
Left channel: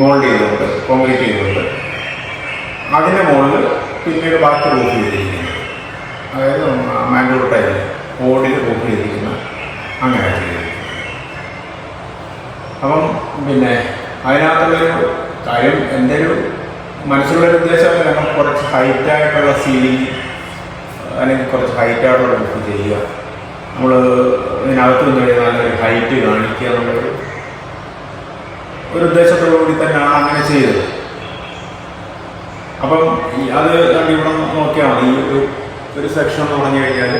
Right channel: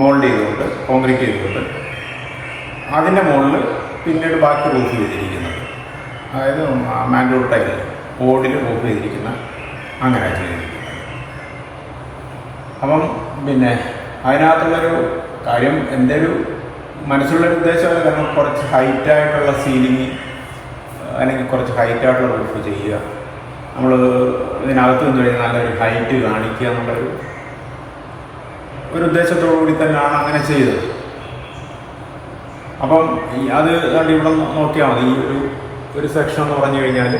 മോൾഡ് ചെയ്തുകൊണ്ട് കോൺക്രീറ്റ് ചെയ്തുകൊണ്ട് അതിൻ്റെ മുകളിൽ പിന്നീട് ബാക്കി റൂഫ് ചെയ്തിരിക്കുന്നത്, അതായത് മാംഗ്ലൂർ ടൈലിൽ ഓടിൽ റൂഫ് ചെയ്തിരിക്കുന്ന അങ്ങനെ ചെയ്തിരിക്കുന്നത്. അപ്പം പിന്നെ അതിനകത്തുള്ളൊരു കാര്യം എൻ്റെ ഒരു മനസ്സിലുള്ളൊരു ഉദ്ദേശം ഞങ്ങൾ കുറച്ച് ഹൈറ്റായിട്ടുള്ള സീലിംഗ് അല്ലെങ്കിൽ കുറച്ച് ഹൈറ്റായിട്ടുള്ള റൂഫ് ചെയ്യുക, നമ്മൾ ഇതിനകത്ത് നിന്ന് കഴിഞ്ഞാൽ നല്ലൊരു ഹൈറ്റ് കാണിക്കുക എന്നുള്ളൊരു ഉദ്ദേശത്തോടു കൂടി തന്നെയാണ് അങ്ങനെ ചെയ്തത്. അപ്പം അത് ഇവിടെ നോക്കിയാൽ മതി. ഈ ഒരു സെക്ഷൻ എന്ന് പറഞ്ഞു കഴിഞ്ഞാൽ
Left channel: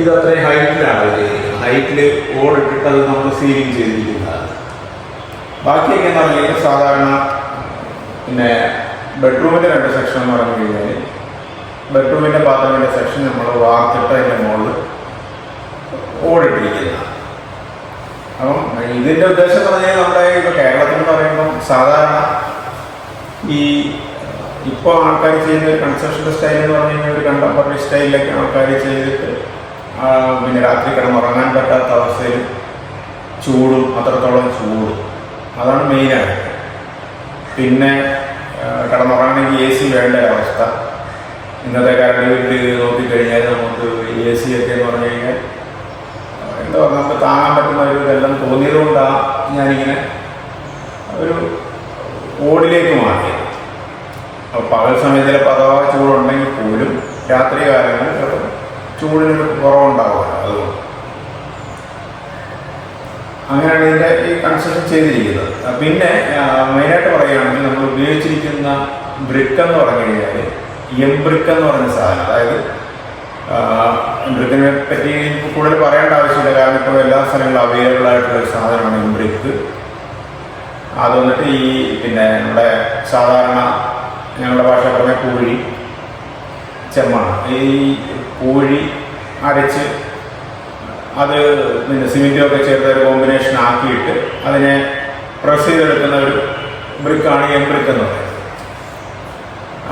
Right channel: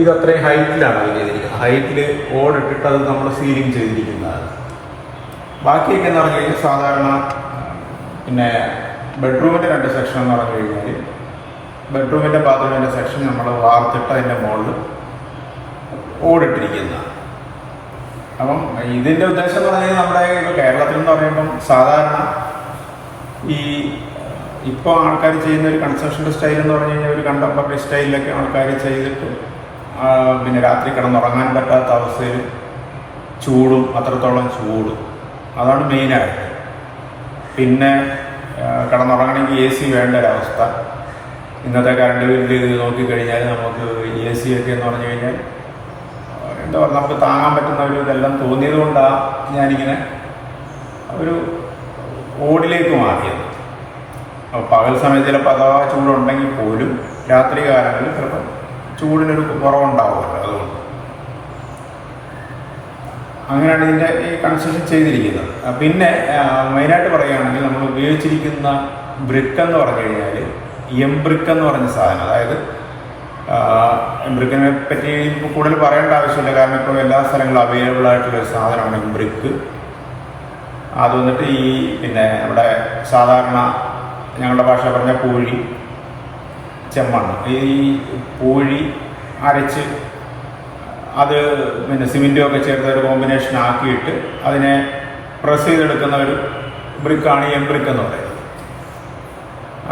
ഇത് അത്രയും ഹൈറ്റിലാണ്, ഹൈറ്റിൽ ഓടിട്ടിട്ട് അത് നമ്മൾ സീലിംഗ് ചെയ്തിരിക്കുന്നതാണ്. ബാക്കിയൊക്കെ എന്ന് പറഞ്ഞു കഴിഞ്ഞാൽ സാധാരണ പിന്നെ ബെഡ്റൂമിൻ്റെ 2 സെക്ഷൻ എന്ന് പറഞ്ഞു കഴിഞ്ഞാൽ ബെഡ്റൂമിൻ്റെ ബാത്റൂമിൻ്റെ സെക്ഷൻ നമ്മൾ വാർത്തിട്ട് അതിൻ്റെ മുകളിൽ ഓടിട്ടിരിക്കുന്നതാണ്. അപ്പം ഇതിൻ്റെ ഉദ്ദേശം എന്ന് പറഞ്ഞാൽ നമ്മുടെ ഇപ്പോൾ കേരളത്തിൽ എന്ന് പറയുമ്പം സാധാരണ ഈ ഇപ്പോൾ ആൾക്കാർ ചെയ്യുന്ന ഒരു കൺസ്ട്രക്ഷൻ്റെ സ്റ്റൈൽ എന്ന് പറഞ്ഞു കഴിഞ്ഞാൽ ഒരു കണ്ടംപററി സ്റ്റൈലിലൊക്കെ ആൾക്കാർ ചെയ്തിട്ട് പിന്നെ രാത്രി കിടന്നുറങ്ങാൻ പറ്റാത്ത അവസ്ഥയിൽ ചൂടും അത്രത്തോളം ചൂട്, അതാണ് മെയിനായിട്ട്. പിന്നെ കിടന്നുറങ്ങണമെങ്കിൽ AC വേണ്ട ഒരവസ്ഥ. ഇന്നത്തെ കറണ്ട് ബില്ല് നോക്കിക്കഴിഞ്ഞാൽ നമുക്ക് AC ഒക്കെ എന്ന് പറഞ്ഞു കഴിഞ്ഞാൽ എന്താ പറയുക നമുക്ക് താങ്ങാൻ പറ്റുന്ന ഒരു ഇതെല്ലാം തോന്നിയത് കൊണ്ടാണ് ഞാനിങ്ങനെ ഒരു ഓടിലേക്ക് മാറ്റിയത്. അപ്പോൾ പകൽ സമയത്ത് ചിലപ്പോൾ അഥവാ ചൂടുണ്ടെങ്കിൽ പോലും രാത്രി കാലങ്ങളിൽ ചിലപ്പോൾ ചൂടിനൊരു കുറവുണ്ടാവുമല്ലോ, അതുകൊണ്ട് അങ്ങനെയാണ് ഇതിൻ്റെ ഈ കൺസ്ട്രക്ഷൻ ചെയ്തിരിക്കുന്നത്. പിന്നെ മെയിനായിട്ട് പറയുകയാണെങ്കിൽ നമ്മൾ ഉപയോഗിച്ചിരിക്കുന്ന ബ്രിക്ക് എന്ന് പറഞ്ഞു കഴിഞ്ഞാൽ എംബ്രിക്ക് എന്ന് പറഞ്ഞ സാധനം, അതായത് എംബ്രിക്കിനെ പറ്റി കൂടുതൽ പറയേണ്ട ആവശ്യമില്ല, കാരണം ഇപ്പോൾ എല്ലാ സ്ഥലങ്ങളിലും അവൈലബിൾ ആയിട്ടുള്ള ഒരു സാധനമാണ് എംബ്രിക്ക്. അത് വന്നിട്ട് ഈ പിന്നെ നമ്മുടെ സാധാരണ ഞങ്ങളുടെ ഭാഷ പറഞ്ഞ പൂഴി ചെമ്മാണ്. ഈ പൂഴി അരച്ച് അത് പിന്നെ സിമെൻറ്റും ഒക്കെ ചേർത്ത് ഒരു കോമ്പിനേഷൻ ആക്കിയിട്ട് അതിനെ പ്രസ് ചെയ്തെടുക്കുന്ന ഒരു ബ്രിക്കാണ് ഈ എംബ്രിക്ക് എന്ന് പറയുന്നത്.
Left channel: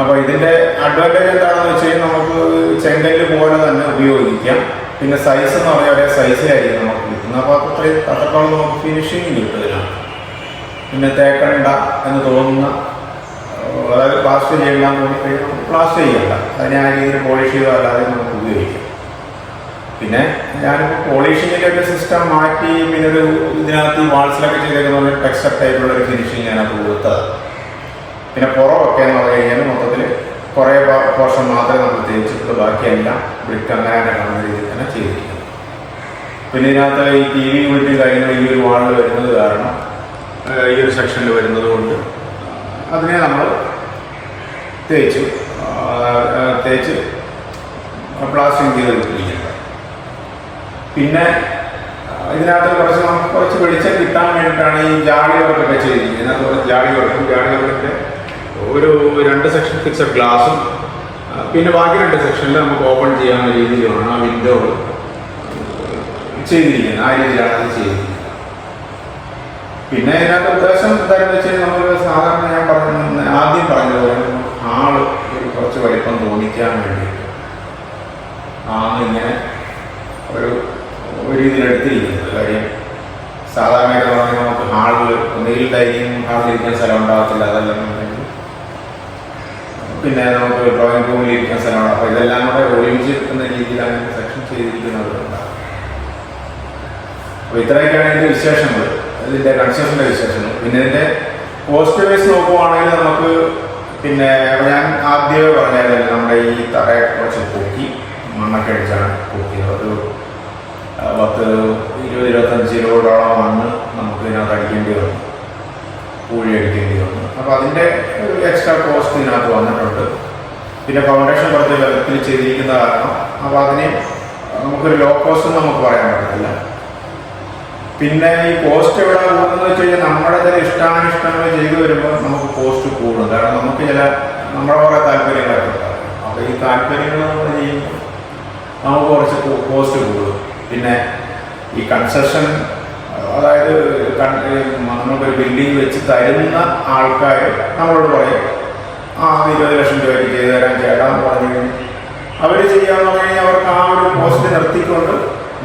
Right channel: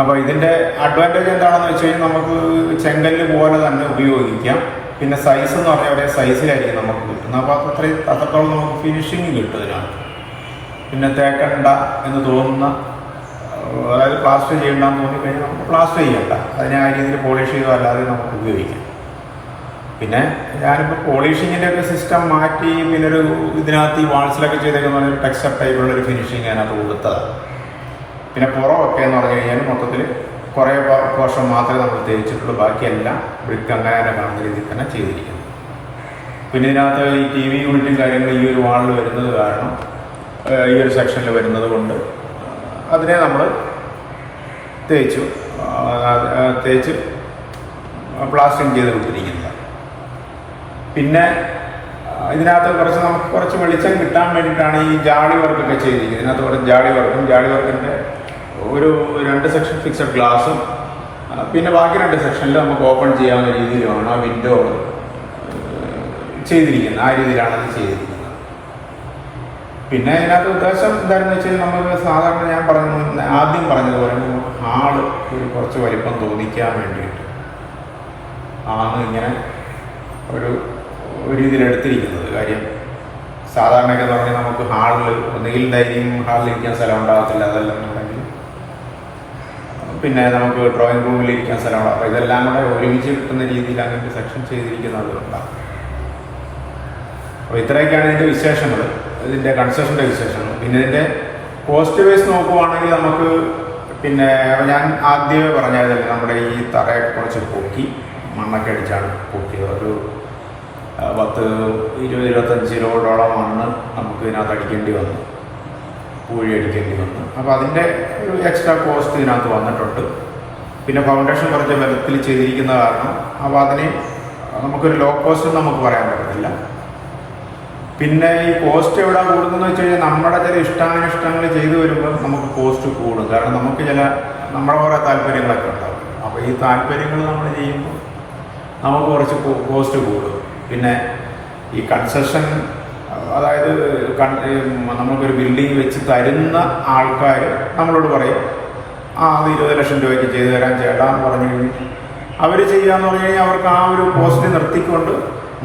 അപ്പോൾ ഇതിൻ്റെ അഡ്വാൻറ്റേജ് എന്താണെന്ന് വെച്ച് കഴിഞ്ഞാൽ നമുക്ക് ചെങ്കല്ല് പോലെ തന്നെ ഉപയോഗിക്കാം. പിന്നെ സൈസ് എന്ന് പറഞ്ഞാൽ ഒരേ സൈസിലായിരിക്കും നമുക്ക് കിട്ടുന്നത്. അപ്പോൾ അത്രത്തോളം നമുക്ക് ഫിനിഷിങ് കിട്ടും ഇതിനകത്ത്. പിന്നെ തേക്കണ്ട എന്ന് തോന്നുന്ന, അതായത് പ്ലാസ്റ്റർ ചെയ്യണ്ടെന്ന് തോന്നിക്കഴിഞ്ഞാൽ നമുക്ക് പ്ലാസ്റ്റർ ചെയ്യണ്ട, അതിനെ ആ രീതിയിൽ പോളിഷ് ചെയ്തോ അല്ലാതെ നമുക്ക് ഉപയോഗിക്കാം. പിന്നെ ഞാനിപ്പോൾ പോളിഷിങ്ങിൻ്റെ ഒരു സിസ്റ്റം മാറ്റി പിന്നെ ഒരു ഇതിനകത്ത് ഈ വാൾസിലൊക്കെ ചെയ്തേക്കുന്ന പറഞ്ഞാൽ ടെക്സ്റ്റർ ടൈപ്പുള്ളൊരു ഫിനിഷിങ് അതിനകത്ത് കൊടുത്തത്. പിന്നെ പുറമൊക്കെ എന്ന് പറഞ്ഞു കഴിഞ്ഞാൽ മൊത്തത്തിൽ കുറേ പോർഷൻ മാത്രമേ നമ്മൾ തേച്ചിട്ടുള്ളൂ, ബാക്കിയെല്ലാം ബ്രിക്ക് അങ്ങനെ തന്നെ കാണുന്ന രീതിയിൽ തന്നെ ചെയ്തിരിക്കുന്നത്. പിന്നെ ഇതിനകത്ത് ഈ TV യൂണിറ്റും കാര്യങ്ങളും ഈ ഒരു വാളിൽ വരുന്നത് കാരണം, ഈ ഒരു സെക്ഷനിൽ വരുന്നത് കൊണ്ട് അതിനെ നമ്മൾ തേച്ച് പ്ലാസ്റ്ററിങ് ചെയ്ത് വിട്ടിരിക്കുന്നത്. പിന്നെ ഇതിനകത്ത് നമുക്ക് കുറച്ച് വെളിച്ചം കിട്ടാൻ വേണ്ടിയിട്ടാണ് ഈ ജാളി വർക്കൊക്കെ ചെയ്തിരിക്കുന്നത്. ഇതിനകത്ത് കുറച്ച് ജാളി വർക്കിൻ്റെ ഒരു 2 സെക്ഷൻ ഫിക്സഡ് ഗ്ലാസും പിന്നെ ബാക്കി 2 സെക്ഷനിൽ നമുക്ക് ഓപ്പൺ ചെയ്യാവുന്ന രീതിയിലാണ് ആ വിൻഡോ ചെയ്തിരിക്കുന്നത്. ആ രീതിയിലാണ് ഇത് ചെയ്തിരിക്കുന്നത്. പിന്നെ ഇതിനകത്ത് ഉദ്ദേശം എന്താണെന്ന് വെച്ച് കഴിഞ്ഞാൽ നമ്മൾ സാധാരണ ഞാൻ ആദ്യം പറഞ്ഞതുപോലെ ആള് ഒരു കുറച്ച് വലിപ്പം തോന്നിക്കാൻ വേണ്ടിയിട്ട് ആണ് ഇങ്ങനെ ഒരു രീതിയിൽ എടുത്തിരിക്കുന്നത്. കാര്യം സാധാരണയായിട്ട് പറഞ്ഞാൽ നമുക്ക് ഹാളിൽ ഒന്നുകിൽ ഡൈനിങ് ഹാളിലിരിക്കാൻ സ്ഥലം ഉണ്ടാകത്തില്ല, അതല്ലെന്നുണ്ടെങ്കിൽ പിന്നെ നമുക്ക് ഡ്രോയിങ് റൂമിലിരിക്കാൻ സ്ഥലം ഉണ്ടാകും. അപ്പോൾ ഇതെല്ലാം കൂടെ ഒരുമിച്ച് കിട്ടുന്ന രീതിയിൽ അങ്ങനെ സെക്ഷൻ ചെയ്തിരിക്കുന്നവരുണ്ടാകും. അപ്പോൾ ഇത്രയൊക്കെയാണ് ഇതിൻ്റെ വിശേഷങ്ങൾ, ഇതിൻ്റെ കൺസ്ട്രക്ഷൻ്റെ വിശേഷങ്ങൾ. പിന്നെ ഇതിൻ്റെ കോസ്റ്റ് വൈസ് നോക്കുവാണെങ്കിൽ നമുക്ക് പിന്നെ ഞാൻ ആദ്യമേ പറഞ്ഞതല്ലേ, നമ്മുടെ ഈ തറയെ കുറച്ച് പൊക്കി മണ്ണൊക്കെ അടിച്ചാണ് പൊക്കിയത്. ഒരു 10-20-25 കിലോയോളം മണ്ണ് നമുക്ക് ഇതിനകത്ത് അടിക്കേണ്ടി വന്നു, പൂഴി അടിക്കേണ്ടി വന്നു. അപ്പോൾ അതിൻ്റെ ഒരു എക്സ്ട്രാ കോസ്റ്റ് ഇതിനകത്ത് വന്നിട്ടുണ്ട്. പിന്നെ ഫൗണ്ടേഷൻ കുറച്ച് ബലത്തിൽ ചെയ്തിരിക്കുന്ന കാരണം അപ്പോൾ അതിന് നമുക്കൊരു ലോ കോസ്റ്റ് നമുക്ക് പറയാൻ പറ്റത്തില്ല. പിന്നെ ഈ കോസ്റ്റ് എവിടെ കൂടുന്നതെന്ന് വെച്ച് കഴിഞ്ഞാൽ നമ്മുടെ ചില ഇഷ്ടാനിഷ്ടങ്ങൾ ചെയ്തു വരുമ്പോൾ നമുക്ക് കോസ്റ്റ് കൂടും. കാരണം നമുക്ക് നമ്മുടെ കുറേ താല്പര്യങ്ങളൊക്കെ ഉണ്ടാകും. അപ്പോൾ ഈ താല്പര്യങ്ങൾ നമ്മൾ ചെയ്യുമ്പോൾ നമുക്ക് കുറച്ച് കോസ്റ്റ് കൂടും. പിന്നെ ഈ കൺസ്ട്രക്ഷൻ, അതായത് നമുക്കൊരു ബിൽഡിംഗ് വെച്ച് തരുന്ന ആൾക്കാർ നമ്മളോട് പറയും 20 ലക്ഷം രൂപയ്ക്ക് ചെയ്തു തരാൻ ചേട്ടാന്ന് പറഞ്ഞു കഴിഞ്ഞാൽ അവർ ചെയ്യാന്ന് പറഞ്ഞു കഴിഞ്ഞാൽ അവർക്ക് ആ ഒരു കോസ്റ്റ് നിർത്തിക്കൊണ്ട്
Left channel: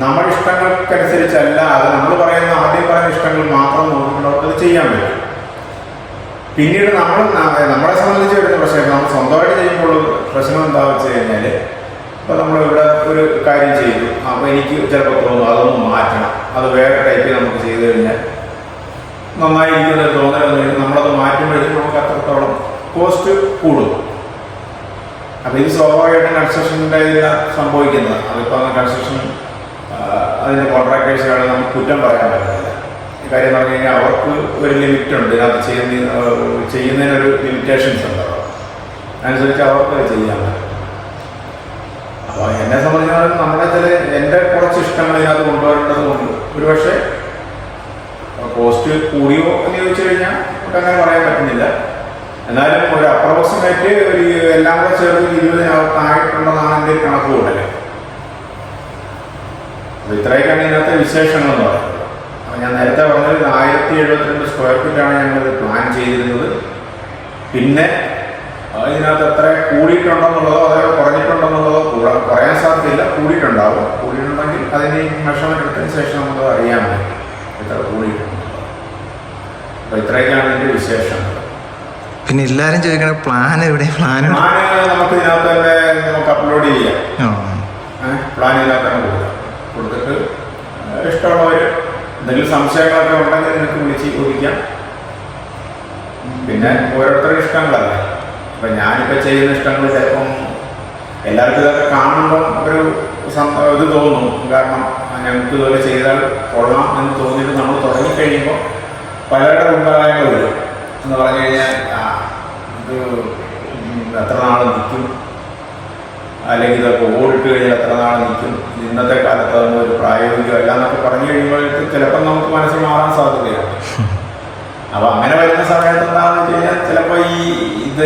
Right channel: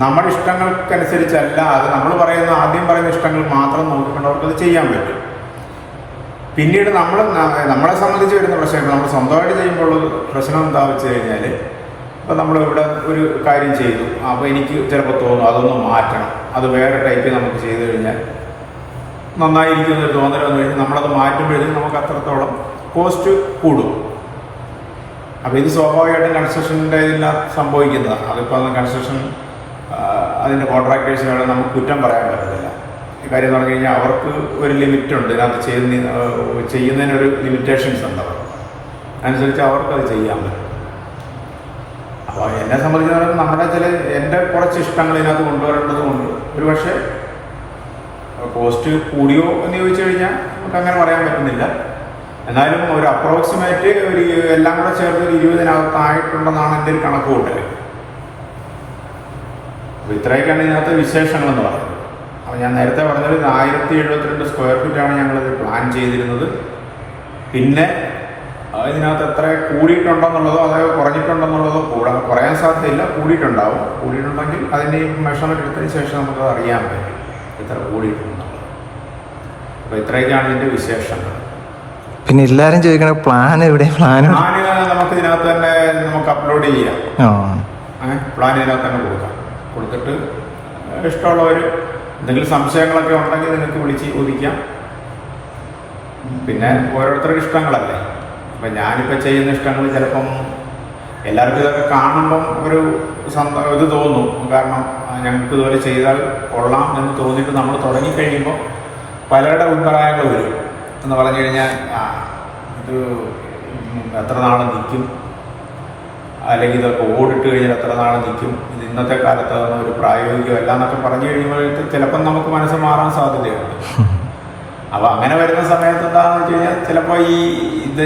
നമ്മുടെ ഇഷ്ടങ്ങൾക്കനുസരിച്ചല്ല, അത് നമ്മൾ ആദ്യം പറയുന്ന ഇഷ്ടങ്ങൾ മാത്രം നോക്കിക്കൊണ്ട് അവർക്കത് ചെയ്യാൻ പറ്റും. പിന്നീട് നമ്മളെ സംബന്ധിച്ച് വരുന്ന പ്രശ്നം, നമ്മൾ സ്വന്തമായിട്ട് ചെയ്യുമ്പോൾ പ്രശ്നം എന്താണെന്ന് വെച്ച് കഴിഞ്ഞാൽ, ഇപ്പോൾ നമ്മളിവിടെ ഒരു കാര്യം ചെയ്തു, അപ്പോൾ എനിക്ക് ചിലപ്പോൾ തോന്നും അതൊന്ന് മാറ്റണം, അത് വേറെ ടൈപ്പിൽ നമുക്ക് ചെയ്തു കഴിഞ്ഞാൽ നന്നായിരിക്കുന്ന ഒരു തോന്നൽ വന്നു കഴിഞ്ഞാൽ നമ്മളത് മാറ്റുമ്പോഴത്തേക്കും നമുക്ക് അത്രത്തോളം കോസ്റ്റ് കൂടും. അപ്പോൾ ഇത് സ്വാഭാവികമായിട്ടും കൺസ്ട്രക്ഷൻ്റെ ഇതിനകത്ത് സംഭവിക്കുന്നത്. അതിപ്പോൾ കൺസ്ട്രക്ഷൻ അതിൻ്റെ കോൺട്രാക്ടേഴ്സുകളെ നമുക്ക് കുറ്റം പറയാൻ പറ്റത്തില്ല. ഈ കാര്യം പറഞ്ഞു കഴിഞ്ഞാൽ അവർക്ക് ഒരു ലിമിറ്റുണ്ട്, ഇതിനകത്ത് ചെയ്യുന്നതിനൊരു ലിമിറ്റേഷൻസ് ഉണ്ടാവും, അനുസരിച്ച് അവർക്കത് ചെയ്യാൻ പറ്റും. അപ്പോൾ എന്നെ സംബന്ധിച്ചിടത്തോളം എൻ്റെ കുറച്ച് ഇഷ്ടങ്ങൾ ഇതിനകത്ത് കൊണ്ടുവരേണ്ടത് കൊണ്ട് ഒരു പക്ഷേ കോസ്റ്റ് കൂടിയോ എന്ന് ചോദിച്ചു കഴിഞ്ഞാൽ നമുക്ക് അങ്ങനെ പറയാൻ പറ്റുന്നില്ല. എന്നാലും ഒരു അപ്രോക്സിമേറ്റ് എല്ലാം കൂടെ ചേർത്ത് 20,000 എൻ്റെ ഒരു കണക്ക് കൂട്ടല്. അപ്പോൾ ഇത്രയൊക്കെയാണ് ഇതിനകത്തെ വിശേഷങ്ങളെന്ന് പറയുന്നത്. അപ്പോൾ ഞാൻ നേരത്തെ പറഞ്ഞത് 1072 സ്ക്വയർ ഫീറ്റാണ് ഞങ്ങളിത് പ്ലാൻ ചെയ്തിരുന്നത്. പിന്നെ ഇതിനകത്ത് എത്ര കൂടിയിട്ടുണ്ടെന്നുള്ളതോ അതോ കുറഞ്ഞിട്ടുണ്ടെന്നുള്ളതോ പറയാൻ സാധ്യതയില്ല. കൂടിയിട്ടുണ്ടാവും. കൂടിയിട്ടുണ്ടെങ്കിൽ അതിൻ്റെ മെഷർമെൻറ്റ് എടുത്തതിന് ശേഷം നമുക്ക് അറിയാൻ പറ്റും ഇത്ര കൂടിയിട്ടുണ്ടെന്നുള്ളത്. അപ്പോൾ ഇത്രയൊക്കെയാണ് ഇതിൻ്റെ വിശേഷങ്ങൾ. പിന്നെ എല്ലാവരും ചോദിക്കുന്നത് പ്ലാൻ എവിടെ? പ്ലാൻ നമുക്ക് ഇതിനകത്ത് തന്നെ നമുക്ക് അപ്ലോഡ് ചെയ്യാം. പ്ലാൻ ഇതിനകത്ത് തന്നെ കൊടുത്തിട്ട് ഇഷ്ടമുള്ളവർ എന്തെങ്കിലും സംശയങ്ങളൊക്കെ ഉണ്ടെങ്കിൽ നിനക്ക് വിളിച്ച് ചോദിക്കാം. പിന്നെ ഓരോരുത്തരുടെ ഇഷ്ടങ്ങളല്ലേ. അപ്പം ഞാനിപ്പോൾ ചെയ്യുന്ന ഇഷ്ടങ്ങൾ ചിലപ്പം എല്ലാവർക്കും ഇതൊക്കെ കാണുമ്പം ഒരു ഇത് തോന്നും. കാരണം ഞങ്ങൾക്ക് ഇതുപോലെ ചെയ്താൽ കൊള്ളാം എന്ന് തോന്നിയിട്ട് നമ്മൾ തുടങ്ങിക്കഴിയുമ്പോൾ പലരുടെ അഭിപ്രായങ്ങൾ വരും. എന്ന് പറഞ്ഞു കഴിഞ്ഞാൽ ഇത് എത്ര നാൾ നിൽക്കും, അല്ലെങ്കിൽ ഇതൊക്കെ ഓടിട്ട് കഴിഞ്ഞാൽ എത്ര നാൾ നിൽക്കും, ഇത് ഇന്നത്തെ കാലത്ത് അതൊന്നും ഒരു പ്രായോഗികമല്ല എന്നൊക്കെ പറഞ്ഞു കഴിയുമ്പോഴേക്കും ചിലപ്പം നമുക്ക് മനസ്സ് മാറാൻ സാധ്യതയുണ്ട്. അപ്പോൾ അങ്ങനെ വരുന്ന സമയത്ത് എന്താണെന്ന് വെച്ച് കഴിഞ്ഞാൽ ചിലപ്പോൾ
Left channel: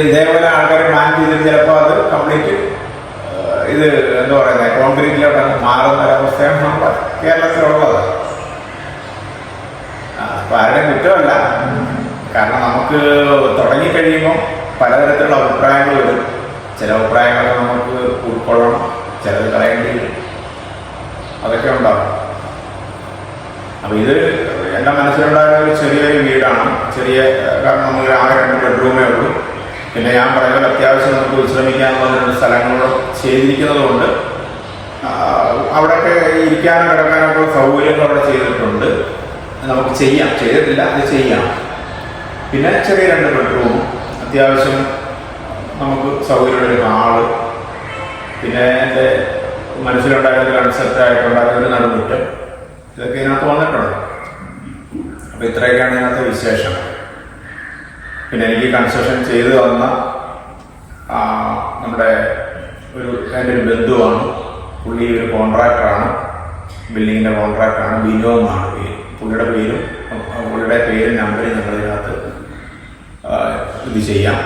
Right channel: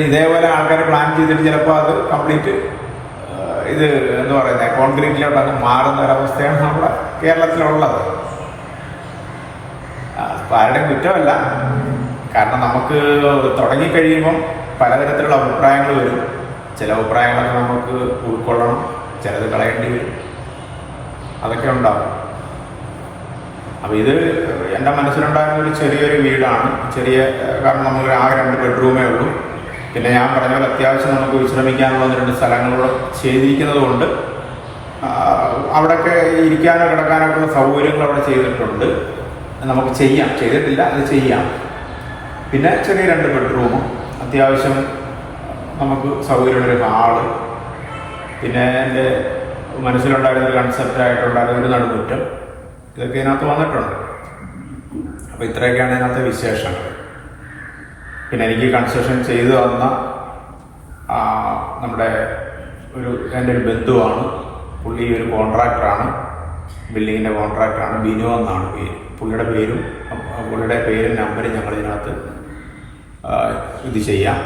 ഇതേപോലെ ആൾക്കാർ പ്ലാൻ ചെയ്തിട്ട് ചിലപ്പോൾ അത് കംപ്ലീറ്റ് ഇത് എന്താ പറയുന്നത് കോൺക്രീറ്റിലോട്ട് അങ്ങ് മാറുന്ന ഒരവസ്ഥയാണ് നമ്മുടെ കേരളത്തിലുള്ളത്. ആരുടെയും കുറ്റമല്ല, കാരണം നമുക്ക് തുടങ്ങിക്കഴിയുമ്പം പലതരത്തിലുള്ള അഭിപ്രായങ്ങൾ വരും. ചില അഭിപ്രായങ്ങളൊക്കെ നമുക്ക് ഉൾക്കൊള്ളണം, ചിലത് കളയേണ്ടി വരും, അതൊക്കെ ഉണ്ടാകും. അപ്പോൾ ഇത് എൻ്റെ മനസ്സിലുണ്ടായിരുന്ന ഒരു ചെറിയൊരു വീടാണ്. കാരണം നമുക്ക് ആ 2 ബെഡ്റൂമേ ഉള്ളൂ. പിന്നെ ഞാൻ പറഞ്ഞ പോലെ അത്യാവശ്യം നമുക്ക് വിശ്രമിക്കാനുള്ള 2 സ്ഥലങ്ങളും ചെയ്തിരിക്കുന്നത് കൊണ്ട് അവിടെയൊക്കെ ഇരിക്കാനോ കിടക്കാനോ ഉള്ള സൗകര്യങ്ങൾ അവിടെ ചെയ്തിട്ടുണ്ട്. നമുക്ക് ചെയ്യാം, ചെയ്തിട്ടില്ല, അത് ചെയ്യാം. പിന്നെ ചെറിയ 2 ബെഡ്റൂമും അത്യാവശ്യം നമുക്ക് സൗകര്യമുള്ളൊരു ഹാള്, പിന്നെ എൻ്റെ മനസ്സിലുണ്ടായിരുന്നൊരു കൺസെപ്റ്റായിട്ടുണ്ടായിരുന്ന ഒരു നടുമുറ്റം, ഇതൊക്കെ ഇതിനകത്ത് വന്നിട്ടുണ്ട്. അപ്പോൾ ഇത്രയൊക്കെയാണ് ഇതിനകത്ത് വിശേഷങ്ങൾ. പിന്നെ എനിക്ക് കൺസ്ട്രക്ഷൻ ചെയ്തു തന്ന നമ്മുടെ എൻ്റെ ഒരു ബന്ധുവാണ്. പുള്ളി ഒരു കോൺട്രാക്ടറാണ്, ബിൽഡിങ്ങിൻ്റെ കോൺട്രാക്ടറാണ്. ബിനോ എന്നാണ് പേര്. പുള്ളിയുടെ പേരും നമ്പരും ഞങ്ങളിതിനകത്ത് ഇത് ചെയ്യാം.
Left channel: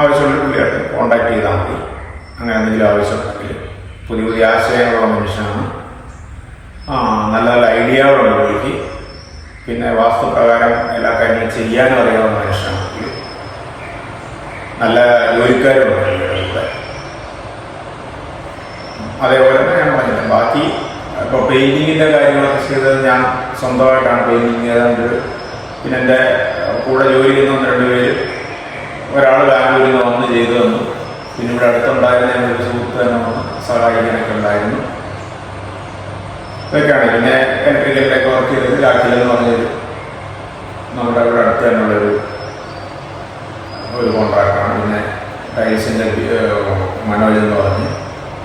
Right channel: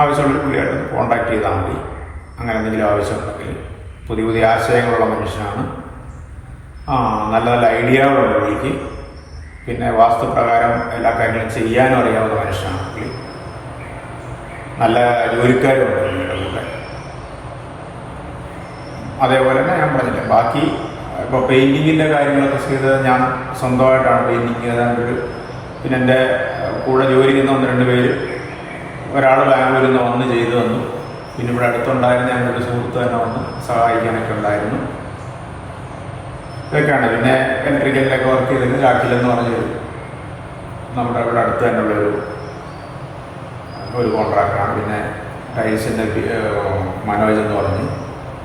ആവശ്യമുള്ള പുള്ളിയായിട്ട് കോൺടാക്ട് ചെയ്താൽ മതി. അങ്ങനെ എന്തെങ്കിലും ആവശ്യമുണ്ടെങ്കിൽ പുതിയ ആശയങ്ങളുള്ള മനുഷ്യനാണ്. നല്ല നല്ല ഐഡിയകളുണ്ട് പുള്ളിക്ക്. പിന്നെ വാസ്തുപ്രകാരം എല്ലാ കാര്യങ്ങളും ചെയ്യാനും അറിയാവുന്ന മനുഷ്യനാണ് പുള്ളി. നല്ല ജോലിക്കാരുണ്ട് ഇവിടെ. അതേപോലെ തന്നെ ഞാൻ പറഞ്ഞില്ല, ബാക്കി ഇപ്പോൾ പെയിൻറ്റിങ്ങിൻ്റെ കാര്യങ്ങളൊക്കെ ചെയ്തത് ഞാൻ സ്വന്തമായിട്ടാണ് പെയിൻറ്റിങ് ചെയ്തത്. പിന്നെ എൻ്റെ കൂടെ ജോലി ചെയ്യുന്ന 1-2 പേര്, ഒരാൾ ബാംഗ്ലൂരിൽ നിന്ന് വന്ന് ചെയ്തു തന്നു. പിന്നെ ഇവിടെ അടുത്തുണ്ടായിരുന്ന ഒരു സുഹൃത്ത് തന്നെ വന്ന് സഹായിക്കാനൊക്കെ ഉണ്ടായിരുന്നു. ഇതൊക്കെയാണ്. പിന്നെ ഇലക്ട്രിക്കലിൻ്റെയൊക്കെ വർക്ക് ചെയ്തത് രാഖിലെന്ന് പറഞ്ഞൊരു നമ്മുടെ ഇവിടെ അടുത്ത് തന്നെയുള്ളൊരു കോൺട്രാക്ടറാണ്. പിന്നെ ടൈൽസിൻ്റെ മനോജ് എന്ന് പറഞ്ഞ്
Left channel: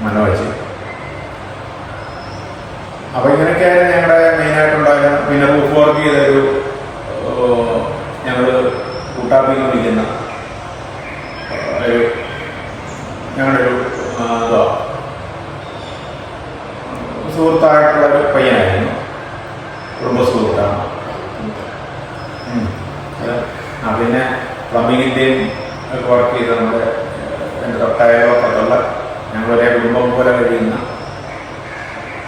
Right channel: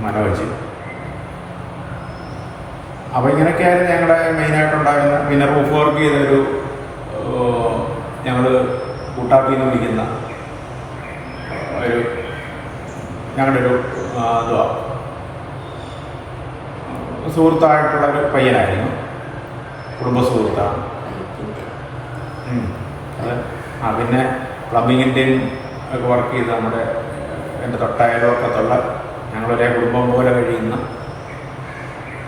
മനോജ്. അപ്പോൾ ഇങ്ങനെയൊക്കെയായിരുന്നു ഞങ്ങളുടെ മെയിനായിട്ടുണ്ടായിരുന്ന. പിന്നെ റൂഫ് വർക്ക് ചെയ്തൊരു ഞങ്ങൾ കൂട്ടാപ്പിന്ന് വിളിക്കുന്ന ഞങ്ങളുടെ ഒരു സുഹൃത്തായിട്ടുള്ളൊരു പയ്യനായിരുന്നു, കുടുംബ സുഹൃത്താണ്. പിന്നെ പ്ലംബിങ്ങിൻ്റെയും ഒക്കെ വർക്ക് ചെയ്ത് എൻ്റെ തൊട്ടയൽവക്കത്തുള്ള ഞങ്ങളൊരേ കുടുംബം പോലെ കഴിയുന്ന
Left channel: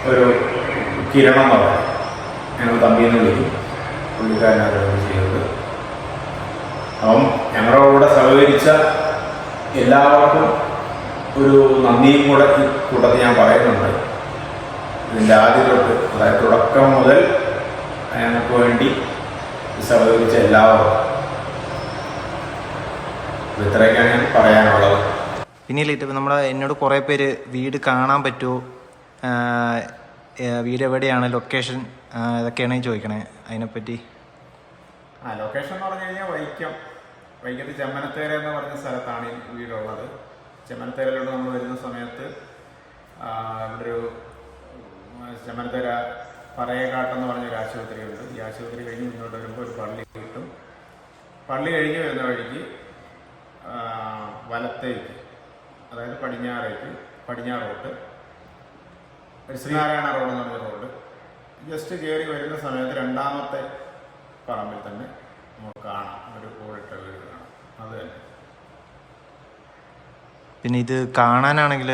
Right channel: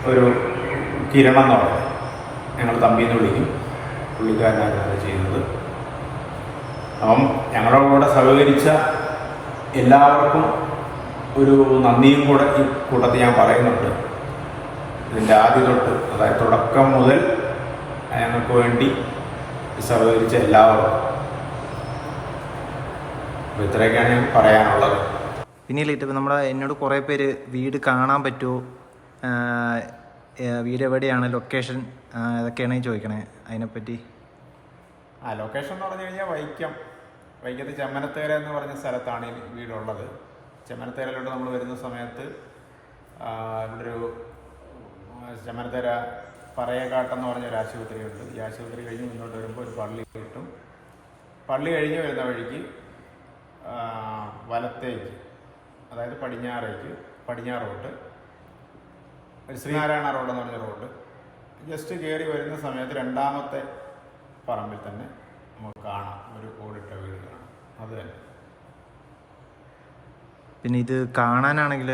ഒരു കിരണം എന്ന് പറയുന്നത്, ഞങ്ങൾ തമ്പിന്ന് വിളിക്കും, പുള്ളിക്കാരനാണ് ചെയ്തത്. അപ്പം ഞങ്ങളുടെ കൂടെ സഹകരിച്ച എല്ലാവർക്കും ഒരു നന്ദിയും കൂടെ ഈ കൂട്ടത്തിൽ ഞാൻ പറയുന്നുണ്ട്. ഇതിൻ്റെ ആദ്യ തൊട്ട്, അതായത് തുടക്കം മുതൽ ഞങ്ങൾക്ക് വേണ്ടി സഹകരിച്ച എല്ലാവർക്കും. അപ്പോൾ ഇത്രയൊക്കെയാണ് ഞാൻ പറയാനുള്ളത്. പിന്നീട് ഇപ്പം എന്നോട് കുറേ പേര് വീട് കാണാൻ പറ്റുമോ, വീട് എവിടെയാണ്, ലൊക്കേഷൻ ഇതൊക്കെയാണ് ചോദിക്കണേ. അതിനെപ്പറ്റി ലൊക്കേഷൻ എന്ന് പറഞ്ഞു കഴിഞ്ഞാൽ വൈക്കത്ത് ചെമ്മനത്തേര എന്ന് പറഞ്ഞ സ്ഥലത്താണ് ഈ വീടുള്ളത്. ചെമ്മനത്തേരയിലോട്ട് നമ്മൾ വരുന്ന സമയത്ത് ഇവിടെ ഒരു ചെമ്മനത്തേര പറയകാട്ടെന്ന് പറഞ്ഞൊരു ആശുപത്രിയുണ്ട്. ഈ ആശുപത്രി കഴിഞ്ഞ് മുന്നോട്ട് വരുമ്പോൾ ഒരു പള്ളി കിട്ടും. പള്ളി കഴിഞ്ഞ് വരുന്ന വഴിക്ക് വലത്തേക്ക്, അതായത് പടിഞ്ഞാറോട്ട് ഒരു ശ്രീനാരായണ റോഡ് എന്ന് പറഞ്ഞ റോഡ് ജസ്റ്റ് കയറി വരുന്ന സമയത്ത് 2ാമത്തെ പറമ്പിൽ തന്നെ നമുക്ക് കാണാം ഒരു ഓടിട്ട വീട് കാണാം. അത് തന്നെ. പിന്നെ ഇത് കാണാനാണെങ്കിൽ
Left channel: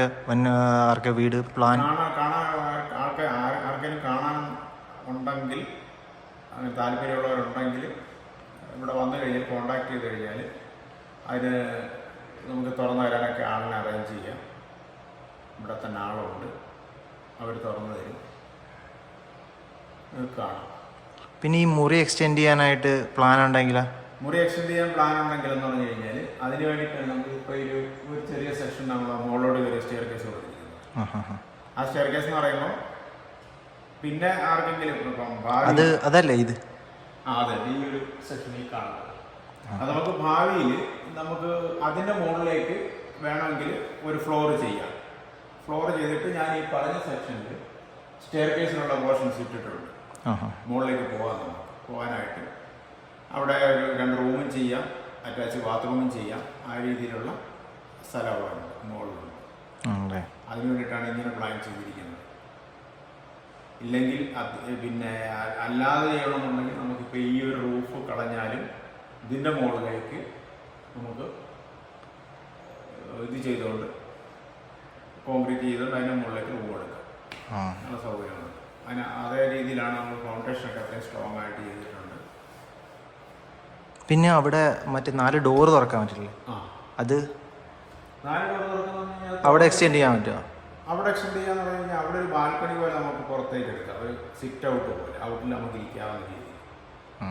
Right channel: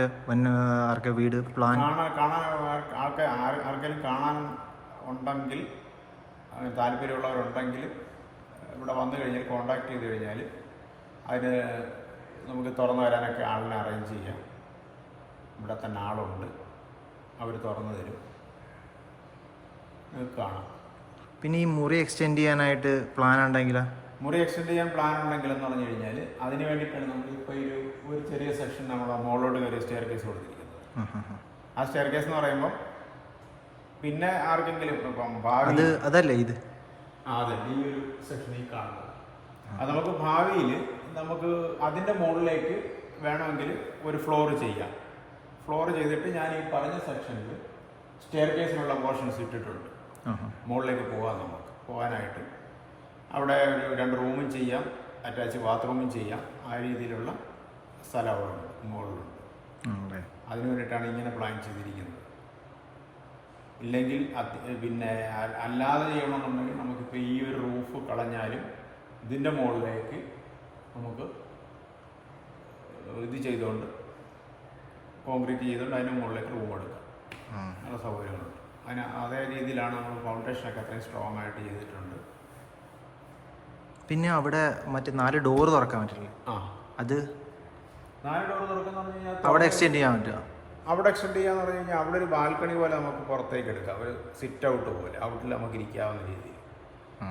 ആർക്ക് വീട് പ്ലാൻ ആർക്കെങ്കിലും കാണാൻ ഉണ്ടെങ്കിൽ, അങ്ങനെ താല്പര്യമുള്ളവരുണ്ടെങ്കിൽ ഇവിടെ വന്നു കഴിഞ്ഞാൽ കോണ്ടാക്ട് ചെയ്ത് കഴിഞ്ഞാൽ അതിന് നമുക്ക് തുറന്നു തരാനൊക്കെ ആളിനെ അറേഞ്ച് ചെയ്യാം. ഇവിടെ തന്നെ ആളുണ്ട്, അവർ തുറന്നു തരും, കാണാം. പിന്നെ ഈ മുറി എക്സ്റ്റെൻഡ് ചെയ്യാനായിട്ട് പ്ലാൻ ഉണ്ടെങ്കിൽ മുറി എക്സ്റ്റെൻഡ് ചെയ്യാൻ പ്ലാൻ ഉണ്ടെങ്കിലെന്ന് പറഞ്ഞു കഴിഞ്ഞാൽ അതിന് വേണ്ടിയിട്ടാണ് നമുക്ക് ഇപ്പോൾ ഒരു ചെറിയ സെക്ഷൻ നമ്മൾ മുകളിലോട്ട് ഒരു സ്റ്റെയർ കേസ് കൊടുത്തിരിക്കുന്നത്. ആ സ്റ്റെയർ കേസ് എന്ന് പറയുമ്പോൾ പിന്നെ ആർക്കെങ്കിലും ഇപ്പം അതല്ലേ ഇത് അതെ ഈ ഒരു സെക്ഷനിൽ കാണുന്നത് അത് നമുക്ക് ഭാവിയിൽ നമുക്ക് അതിൻ്റെ മുകളിലേക്ക് വേണമെങ്കിൽ ഒരു ഫ്ലോർ ചെയ്യാം. ഫ്ലോർ ചെയ്തിട്ട് ഞാൻ ഈ പറഞ്ഞ സെക്ഷനിൽ സ്റ്റെയർ കേസിനുള്ള പോർഷൻസ് ഇട്ടിട്ടുണ്ട്. മുകളിലേക്ക് പോകാനായിട്ട് അവിടെ ഒരു 2 റൂമും ചെയ്യാം, അറ്റാച്ച് ബാത്റൂമും ചെയ്യാം. ആ രീതിയിലുള്ള സ്ഥലം അവിടെ ഉണ്ട്, മുകളിലുണ്ട്. അതെ. അതിനു വേണ്ടിയിട്ടാണ് ഇങ്ങനെ പ്ലാൻ ചെയ്തിരിക്കുന്നത്. ഇല്ലെങ്കിൽ പിന്നെ അല്ലാതെ ചെയ്യണമെന്നുണ്ടെങ്കിൽ നമുക്കിപ്പോൾ ഈ ഒരു റൂഫ് കളഞ്ഞാലും ഇതിൻ്റെ മുകളിലേക്ക് നമുക്ക് ഇത് ചെയ്തുകൊണ്ട് കോൺക്രീറ്റ് ചെയ്തുകൊണ്ട് അതിൻ്റെ മുകളിലേക്ക് റൂം എടുക്കാം. നല്ല സൗകര്യമുണ്ട്. അതേ രീതിയിലാണ് നമ്മൾ ഫൗണ്ടേഷനൊക്കെ അത്രയും സ്ട്രോങ് ആയിട്ട് ചെയ്തിട്ടുണ്ട്. പിന്നെ അവിടെ മറ്റേ 4 ഡോറ് തുറക്കാൻ പറ്റില്ലേ? അത് 4 ഡോർ തുറക്കുന്ന അവിടെ എക്സ്റ്റെൻഡ് ചെയ്യാൻ പറ്റുമോ? അവിടെ എക്സ്റ്റെൻഡ് ചെയ്യാന്ന് പറഞ്ഞു കഴിഞ്ഞാൽ അവിടെ ഒരു ബാൽക്കണി പോലെ നമുക്ക് പുറത്തേക്ക് എടുക്കാം. ഒരു സിറ്റ് ഔട്ട് പോലെ ഔട്ടിൽ നമുക്ക് ഇരിക്കാവുന്ന രീതിയിൽ,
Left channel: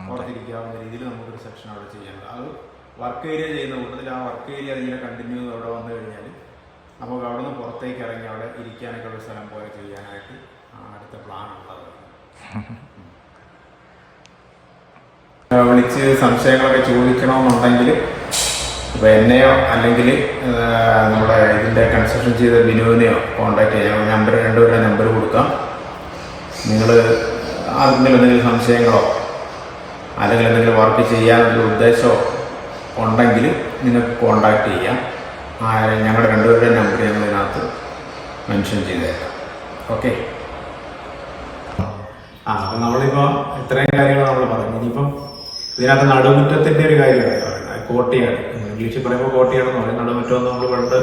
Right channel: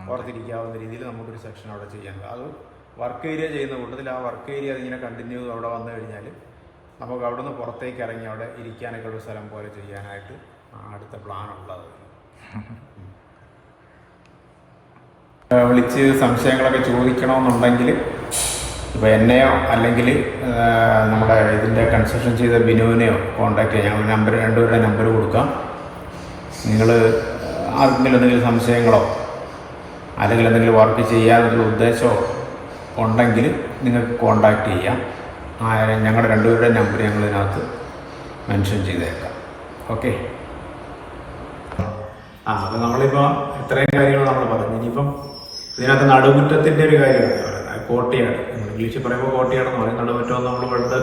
പുറത്തിരിക്കാവുന്ന രീതിയിൽ നമുക്കൊരു സെക്ഷൻ അവിടെ ചെയ്യാനുണ്ട്. അത് വർക്ക് ഏരിയ ചെയ്യുന്ന കൂട്ടത്തിൽ ആ വർക്ക് ഏരിയ അതിങ്ങനെ കണ്ടിന്യൂ അവിടെ വന്നു കഴിഞ്ഞാൽ നമുക്ക് അവിടെ നിന്ന് പുറത്തേക്ക് ഇറങ്ങി അവിടെ ഇരിക്കാനൊക്കെ ഒരു സ്ഥലം പോലെ ചെയ്യാനായിട്ട് അടുത്ത പ്ലാനുള്ളത്. വിളിച്ച് സംശയങ്ങളൊക്കെ ചോദിക്കണമെന്നുണ്ടെങ്കിൽ ഇപ്പോൾ എന്നെയോ അല്ലെങ്കിൽ നമ്മുടെ ഇതിൻ്റെ കൺസ്ട്രക്ഷൻ ചെയ്ത ബിനുവിനെയോ കോൺടാക്ട് ചെയ്യാം. ഞാൻ നമ്പർ 2 പേരുടെ നമ്പർ കൊടുക്കാം. നിങ്ങൾ ആർക്കെങ്കിലും എന്തെങ്കിലും സംശയങ്ങളോ അല്ലെങ്കിൽ എന്തെങ്കിലും വർക്ക് ചെയ്യാനുള്ള ഉദ്ദേശമോ ഉണ്ടെങ്കിൽ നിങ്ങൾക്ക് കോൺടാക്ട് ചെയ്യാം. ഞങ്ങളുടെ 2 പേരുടെ നമ്പർ ഞങ്ങൾ ഇതിനകത്ത് മെൻഷൻ ചെയ്തേക്കാം. ഓക്കെ. അപ്പോൾ നമ്മളിപ്പോൾ ഇത്രയും കാര്യങ്ങൾ നമ്മൾ പറഞ്ഞു. ഇനിയിപ്പം ഇതിനകത്ത് നടുമുറ്റത്തിൻ്റെ ഒരു കാര്യമാണ് പറയുന്നത്. കോട്ടിയാണ്, ഇംഗ്ലീഷിൽ പറയുമ്പോൾ കോട്ടിയാണെന്ന് പറയും. നടുമുറ്റം നമ്മൾ പണ്ട്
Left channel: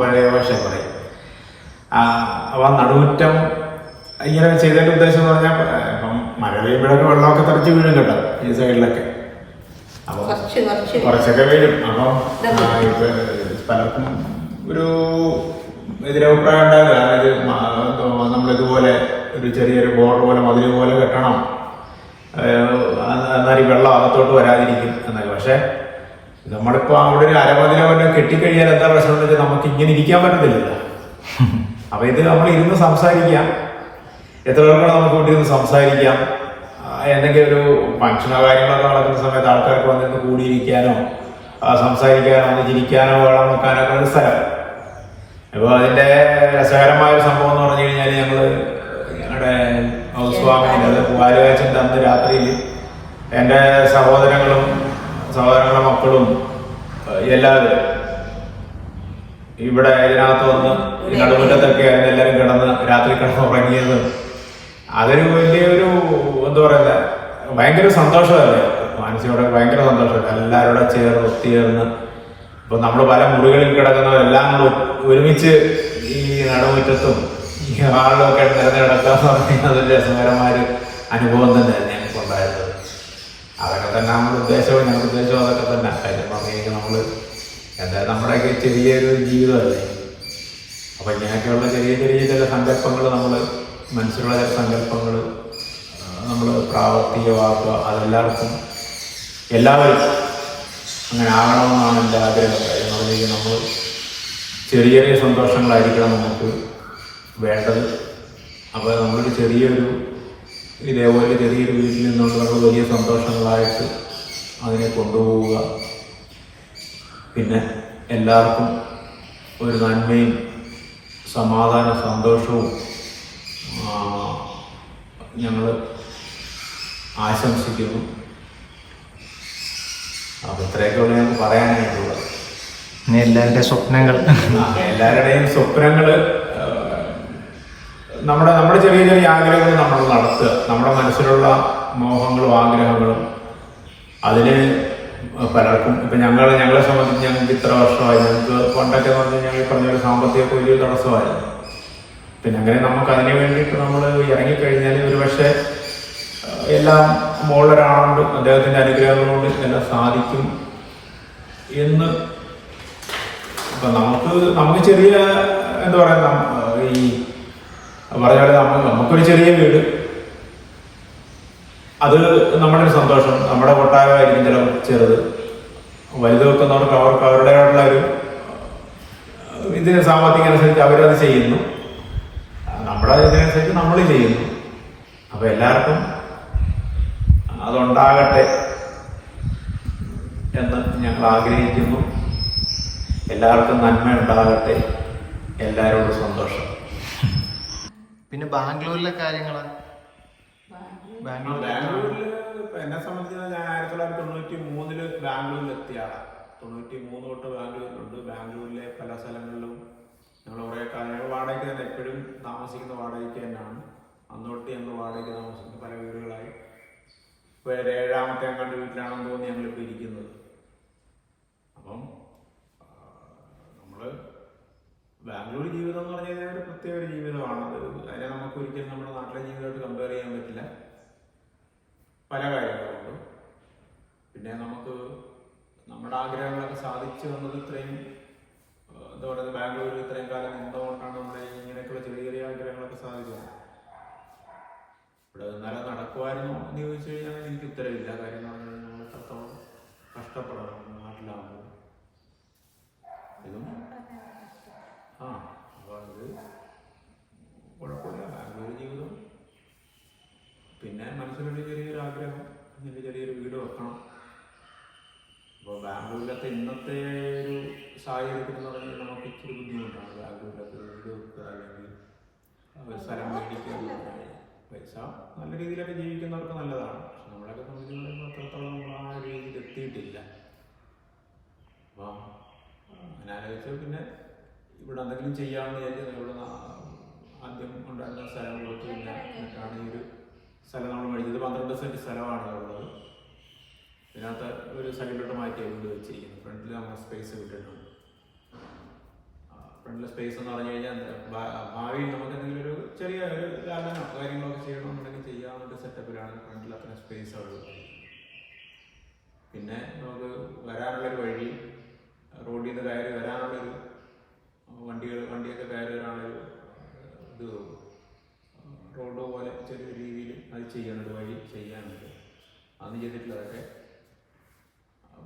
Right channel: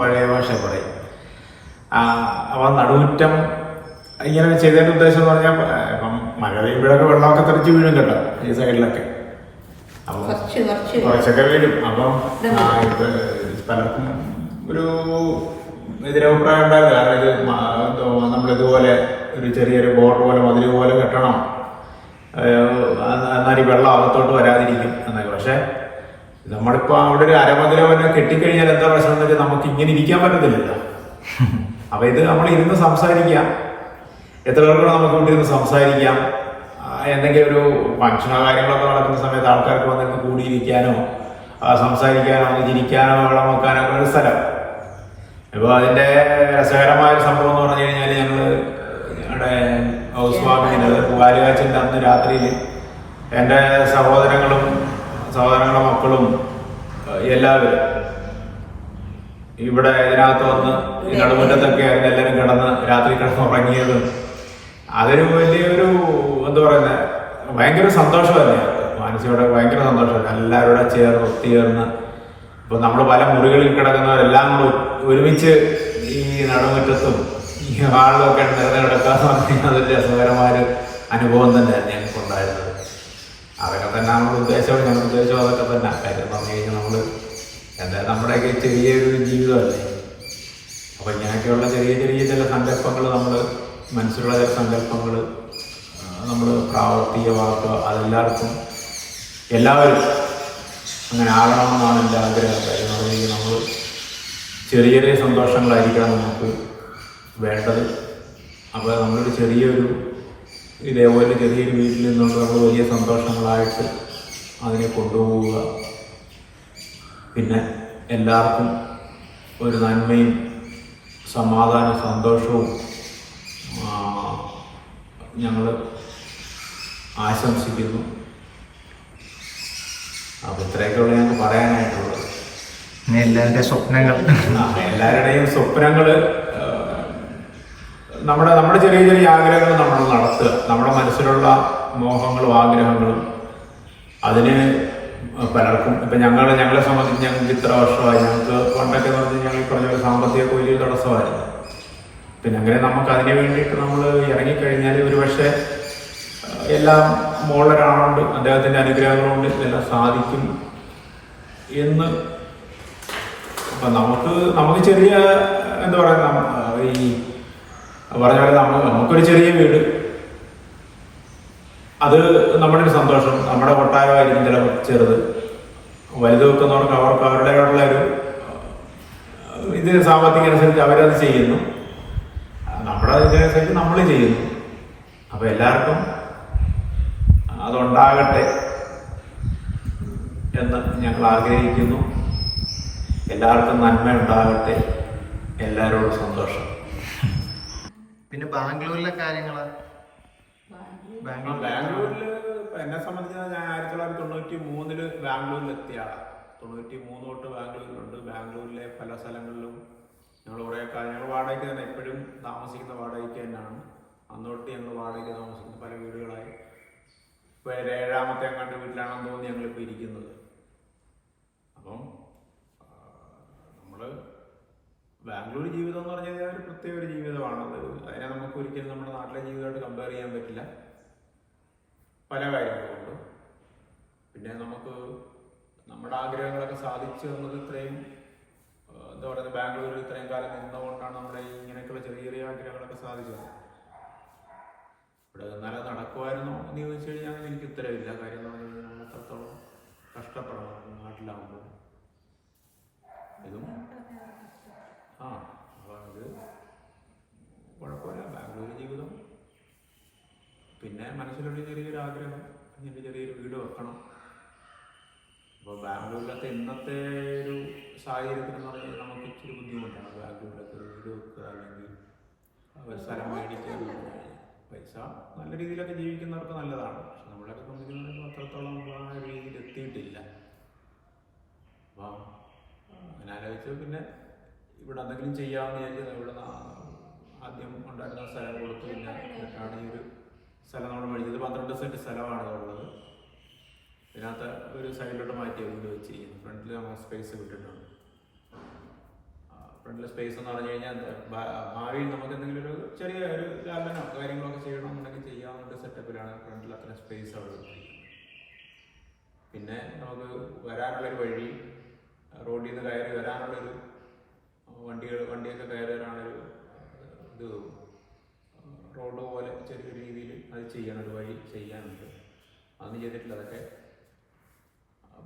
പഴയ ഭാഷ പറയും. അപ്പോൾ നടുമുറ്റം ഇങ്ങനെ ചെയ്തതിൻ്റെ ഉദ്ദേശം എന്ന് പറഞ്ഞാൽ ഇപ്പം മഴ പെയ്യുമ്പോഴൊക്കെ വെള്ളമൊക്കെ തെറിച്ച് വീഴും കേട്ടോ ഈ സൈഡിലൊക്കെ. അപ്പോൾ കുറച്ചൊക്കെ വീഴും. അപ്പം ഇപ്പം പലർക്കും ഒരു എതിരഭിപ്രായം ഉണ്ടാകുക. കാരണം ഇത് നമ്മളിതുപോലെ ഒരു ചെറിയൊരു ബോർഡർ പോലെ മതിൽ പോലെ കെട്ടണം, എന്നാൽ ഈ വെള്ളം അകത്തോട്ട് വരാതിരിക്കും എന്നൊക്കെ. പക്ഷെ നമ്മളിപ്പോൾ അവിടെ ഒരു അരമതിലോ പിന്നെ കെട്ടിക്കഴിഞ്ഞാൽ എന്താ പ്രശ്നം എന്ന് വെച്ചാൽ നമുക്ക് ഇങ്ങനെ ഇരിക്കാൻ പറ്റത്തില്ലല്ലോ. അപ്പം ഇത് നമ്മൾ ഇരുന്ന് സംസാരിക്കാം, എത്ര പേർക്കൂടെ നമുക്ക് ഇവിടെ ഇരുന്ന് സംസാരിക്കാം. എന്തെങ്കിലും ഒരു ഫംഗ്ഷനോ കാര്യങ്ങളൊക്കെ നടക്കുന്ന സമയത്ത് ആൾക്കാർക്ക് വന്നിരുന്ന് കൂടിയിരിക്കാനോ സംസാരിക്കാനോ ഒന്ന് ചിരിക്കാനോ വെള്ളം വെക്കാനോ ഒക്കെ ഒരു സ്ഥലം. ഇപ്പോൾ അതിൻ്റെ രസകരമായൊരു സംഭവം എന്ന് പറഞ്ഞു കഴിഞ്ഞാൽ ഞങ്ങളുടെ ഹൗസ് വാമിങ്ങിൽ, അത് പൂവാലുകാച്ചിൻ്റെ അന്ന് രാത്രിയിൽ എൻ്റെ സഹോദരങ്ങളുടെ മക്കളും എല്ലാവരും ഇവിടെ ഇതിനകത്ത് വന്ന് ഈ നടുമുറ്റത്തൊക്കെ ആയിരുന്നു എല്ലാവരും രാത്രി കിടന്ന് ഉറങ്ങിയതും. അതൊരു വലിയൊരു എന്താ പറയുന്നത്, ഭയങ്കര സന്തോഷമല്ലേ മനസ്സിലൂടെ, ഭയങ്കര സന്തോഷമല്ലേ എല്ലാവരുടെ ഒത്തുചേർന്ന്. ഇപ്പൊ നമ്മൾ പല മുറികളിൽ കിടക്കുന്നവരെല്ലാം കൂടെ ഒരുമിച്ച് ഈ നടുമുറ്റത്തും ഈ ഹാളിലും ഒക്കെ നിരന്ന് കിടക്കാന്ന് പറഞ്ഞു കഴിഞ്ഞാൽ അതൊരു രസകരമായൊരു അനുഭവം തന്നെയായിരുന്നു ഞങ്ങൾക്ക് ഉണ്ടായിരുന്നത്. അതൊക്കെ തന്നെ നമ്മുടെ ഉദ്ദേശവും അതൊക്കെ തന്നെ. കാര്യം പറഞ്ഞു കഴിഞ്ഞാൽ നമ്മൾ നമ്മുടെയൊക്കെ ചെറിയൊരു ജീവിതമല്ലേ. അപ്പൊ ഇങ്ങനെയൊക്കെയുള്ള ചെറിയ ചില സങ്കല്പങ്ങൾ, നമ്മൾ മനസ്സിലുള്ള ചില സങ്കല്പങ്ങൾ നമ്മൾ പ്രാവർത്തികമാക്കുക. എല്ലാവരും അങ്ങനെ ആകണമെന്നാണ് എൻ്റെ ആഗ്രഹം. കാര്യം എന്ന് പറഞ്ഞു കഴിഞ്ഞാൽ നമ്മൾ ചെറിയ സന്തോഷങ്ങളായിരിക്കണം നമുക്ക് വേണ്ടത്. അപ്പോൾ നമ്മളൊരു ഇതേപോലെ ചെറിയൊരു വീട്ടിൽ നിന്നുള്ള നമ്മൾ വലിയ സന്തോഷങ്ങളായിട്ട് അതിനെ കൊണ്ടുപോവുക. പിന്നെ എല്ലാവർക്കും ഒരു നന്മയും സമാധാനവും സന്തോഷവും ഞങ്ങൾ ആശംസിക്കുന്നു. അപ്പോൾ ഇത്രയൊക്കെയുള്ള ഞങ്ങൾക്ക് പറയാനായിട്ടുള്ളത്. എല്ലാവരുടെയും സ്വപ്നങ്ങൾ നമ്മുടെ ചെറിയ ആഗ്രഹങ്ങൾ നമ്മൾ നടത്തുക. നമ്മുടെ മനസ്സിലുള്ള മോഹങ്ങളും ആഗ്രഹങ്ങളും അതിന് പലർക്കും ഇപ്പം ഞങ്ങളെ സംബന്ധിച്ച് ഞങ്ങൾക്ക് ഇത്ര വർഷമായി, ഞങ്ങൾക്ക് പണ്ടൊക്കെ എന്ന് പറഞ്ഞാൽ ഞങ്ങൾ പറഞ്ഞ ഒരു സാമ്പത്തികമൊക്കെ വലിയൊരു തടസ്സമായിരുന്നു. പിന്നെ അങ്ങനെ നമുക്ക് അതിന് വേണ്ടിയിട്ട് നമ്മൾ ഇറങ്ങിക്കഴിഞ്ഞാൽ ഒരു പക്ഷേ എല്ലാം മോളൊരാളുണ്ട്, അദ്ദേഹത്തിൻ്റെ അനുഗ്രഹങ്ങളുണ്ട്, ഇതെല്ലാം സാധിക്കും എന്ന്. അപ്പം നമുക്ക് ചെറിയ എന്താ പറയുക, ഈ പറഞ്ഞ പോലെ നമുക്കൊരു ചെറിയ വീട്, അത് നമ്മുടെ ഒരു സന്തോഷം. നമ്മുടെ കൊട്ടാരമായിരിക്കും ചില ചെറുത്, വലുത് വെക്കുന്നവർക്ക് അവർക്ക് അവരുടേതായിട്ടുള്ള ഒരു ഇതിന് സാമ്പത്തികം അനുസരിച്ച് അവരത് ചെയ്യുന്നു, നമ്മുടെ ഇതിനനുസരിച്ച് നമ്മൾ ചെയ്യുന്നു. അപ്പം എല്ലാവർക്കും അതുണ്ടാകട്ടെ എന്ന് ഞങ്ങൾ ആഗ്രഹിക്കുന്നു. എല്ലാവർക്കും നന്മ ഉണ്ടാകട്ടെ, എല്ലാവരോടും സന്തോഷം. പിന്നെ ബാംഗ്ലൂരിലെ കാര്യങ്ങൾ, ബാംഗ്ലൂരിൽ എന്നെ സംബന്ധിച്ച് ഞാൻ 1993 ബാംഗ്ലൂരിൽ എത്തിയ ആളാണ്. 93 തൊട്ട് ബാംഗ്ലൂരിലുണ്ട്. ബാംഗ്ലൂരിലെ പല സ്ഥലങ്ങളിലും ഞങ്ങൾ കുറേ കാലം ഞങ്ങൾ വാടകയ്ക്ക് തന്നെ എപ്പോഴും താമസിക്കുന്ന വാടകയ്ക്ക് തന്നെയാണ്. അന്ന് തൊട്ട് ഞങ്ങൾ വാടകയ്ക്ക് താമസിക്കുന്ന പല വീടുകളായി. ഇപ്പോൾ 7ാമത്തെ അങ്ങാണ്ട് വീട്ടിലാണെന്ന് തോന്നി ഞങ്ങളിപ്പോൾ ഇരിക്കുന്നത്. അപ്പം നമ്മൾ ബാംഗ്ലൂർ ജീവിതം എന്ന് പറഞ്ഞു കഴിഞ്ഞാൽ ഒരു പ്രത്യേക ഒരു ജീവിതമാണത്. അതിനെ നമുക്ക് ഒരിക്കലും നമ്മുടെ നാട്ടിലെ ജീവിതമായിട്ട് കമ്പയർ ചെയ്യാൻ പറ്റില്ല പല കാര്യങ്ങളുണ്ട്. പിന്നെ നമുക്ക് നമ്മുടെ ആഗ്രഹങ്ങളൊക്കെ സാധിച്ചു വന്നത് ഇത്രയും എന്താ പറയുക, ബാംഗ്ലൂരിൽ ഇത്രയും കാലം നിന്നുകൊണ്ടാണ് നമ്മുടെ ഇങ്ങനെയൊക്കെയുള്ള ചെറിയ ചെറിയ ആഗ്രഹങ്ങളൊക്കെ സാധിച്ചത്. ഇവിടെ നിന്നാലും നടക്കുമായിരുന്നോ എന്ന് ചോദിച്ചു കഴിഞ്ഞാൽ എനിക്ക് ഉത്തരവില്ല. കാര്യം എന്ന് പറഞ്ഞു കഴിഞ്ഞാൽ നമ്മൾ എത്രത്തോളം കഷ്ടപ്പെടണം നാട്ടിലാകുമ്പോൾ. ഇതും അപ്പോൾ ഇത് കുഴപ്പമില്ല ബാംഗ്ലൂർ ജീവിതം. പിന്നെ മനസ്സിലൊരു ചെറിയൊരു ആഗ്രഹം, ഇങ്ങനെ ചെറിയൊരു വീട് വെക്കണം. അപ്പോൾ ബാംഗ്ലൂരിലത്തെ ഇന്നത്തെ ഒരു സാഹചര്യത്തിൽ എന്ന് പറഞ്ഞാൽ നമുക്ക് ഇച്ചിരി ബുദ്ധിമുട്ടാണ് ബാംഗ്ലൂരിലൊക്കെ ഒരു വീട് വെക്കുക അല്ലെങ്കിൽ ഒരു സ്ഥലം മേടിക്കുക എന്ന് പറഞ്ഞു കഴിഞ്ഞാൽ. പൈസ നല്ല രീതിയിലൊക്കെ ജീവിക്കുന്നവർക്ക് നല്ലതാണ്. പക്ഷെ നമ്മളൊക്കെ സംബന്ധിച്ച് അത്രത്തോളം നമ്മൾ ആ ഒരു രീതിയിൽ എത്തിയിട്ടില്ല. അപ്പോൾ അങ്ങനെ ആലോചിച്ചു പിന്നെ ഇവിടെ എന്തെങ്കിലും ചെയ്യാമെന്ന് വിചാരിച്ചു. ഇവിടെ ആദ്യം ഉണ്ടായിരുന്ന സ്ഥലം കൊടുത്തു. പിന്നെ എന്നിട്ടാണ് ഈ ഒരു സ്ഥലം നമ്മൾ മേടിച്ചത്. 12 സെൻറ്റ് സ്ഥലമാണ് ഇതുള്ളത്. ഇതിനകത്ത് ഒരു സൈഡിലോട്ട് മാറ്റിയ വീട് വെച്ചിരിക്കുന്നു. ഫ്രണ്ടിൽ നമ്മൾ സ്പേസ് വിട്ടിട്ടുണ്ട്. ഫ്രണ്ടിലെ സ്പേസ് എന്ന് പറഞ്ഞു കഴിഞ്ഞാൽ ഭാവിയിൽ നമുക്ക് എന്തെങ്കിലും ഒരു ചെറിയ ഒരു ഗാർഡനോ കാര്യങ്ങളൊക്കെ ചെയ്യണമെന്നുണ്ടെങ്കിൽ ചെയ്യാവുന്ന സെറ്റപ്പിലാണ് ഫ്രണ്ടിൽ അത്ര സ്പേസ് അവിടെ വെച്ചിരിക്കുന്നത്. പിന്നെ നമുക്ക് വരാനുള്ളൊരു വഴി, റോഡിൽ നിന്ന് കയറി വരാനുള്ളൊരു വണ്ടിയൊക്കെ കയറി വരാനൊരു ഇത് റോഡ് പോലെ ചെറിയ രീതിയിൽ അത് ചെയ്യാനൊരു വഴി ചെയ്യാനുണ്ട്. അതൊന്നും ചെയ്തിട്ടില്ല. അതൊക്കെ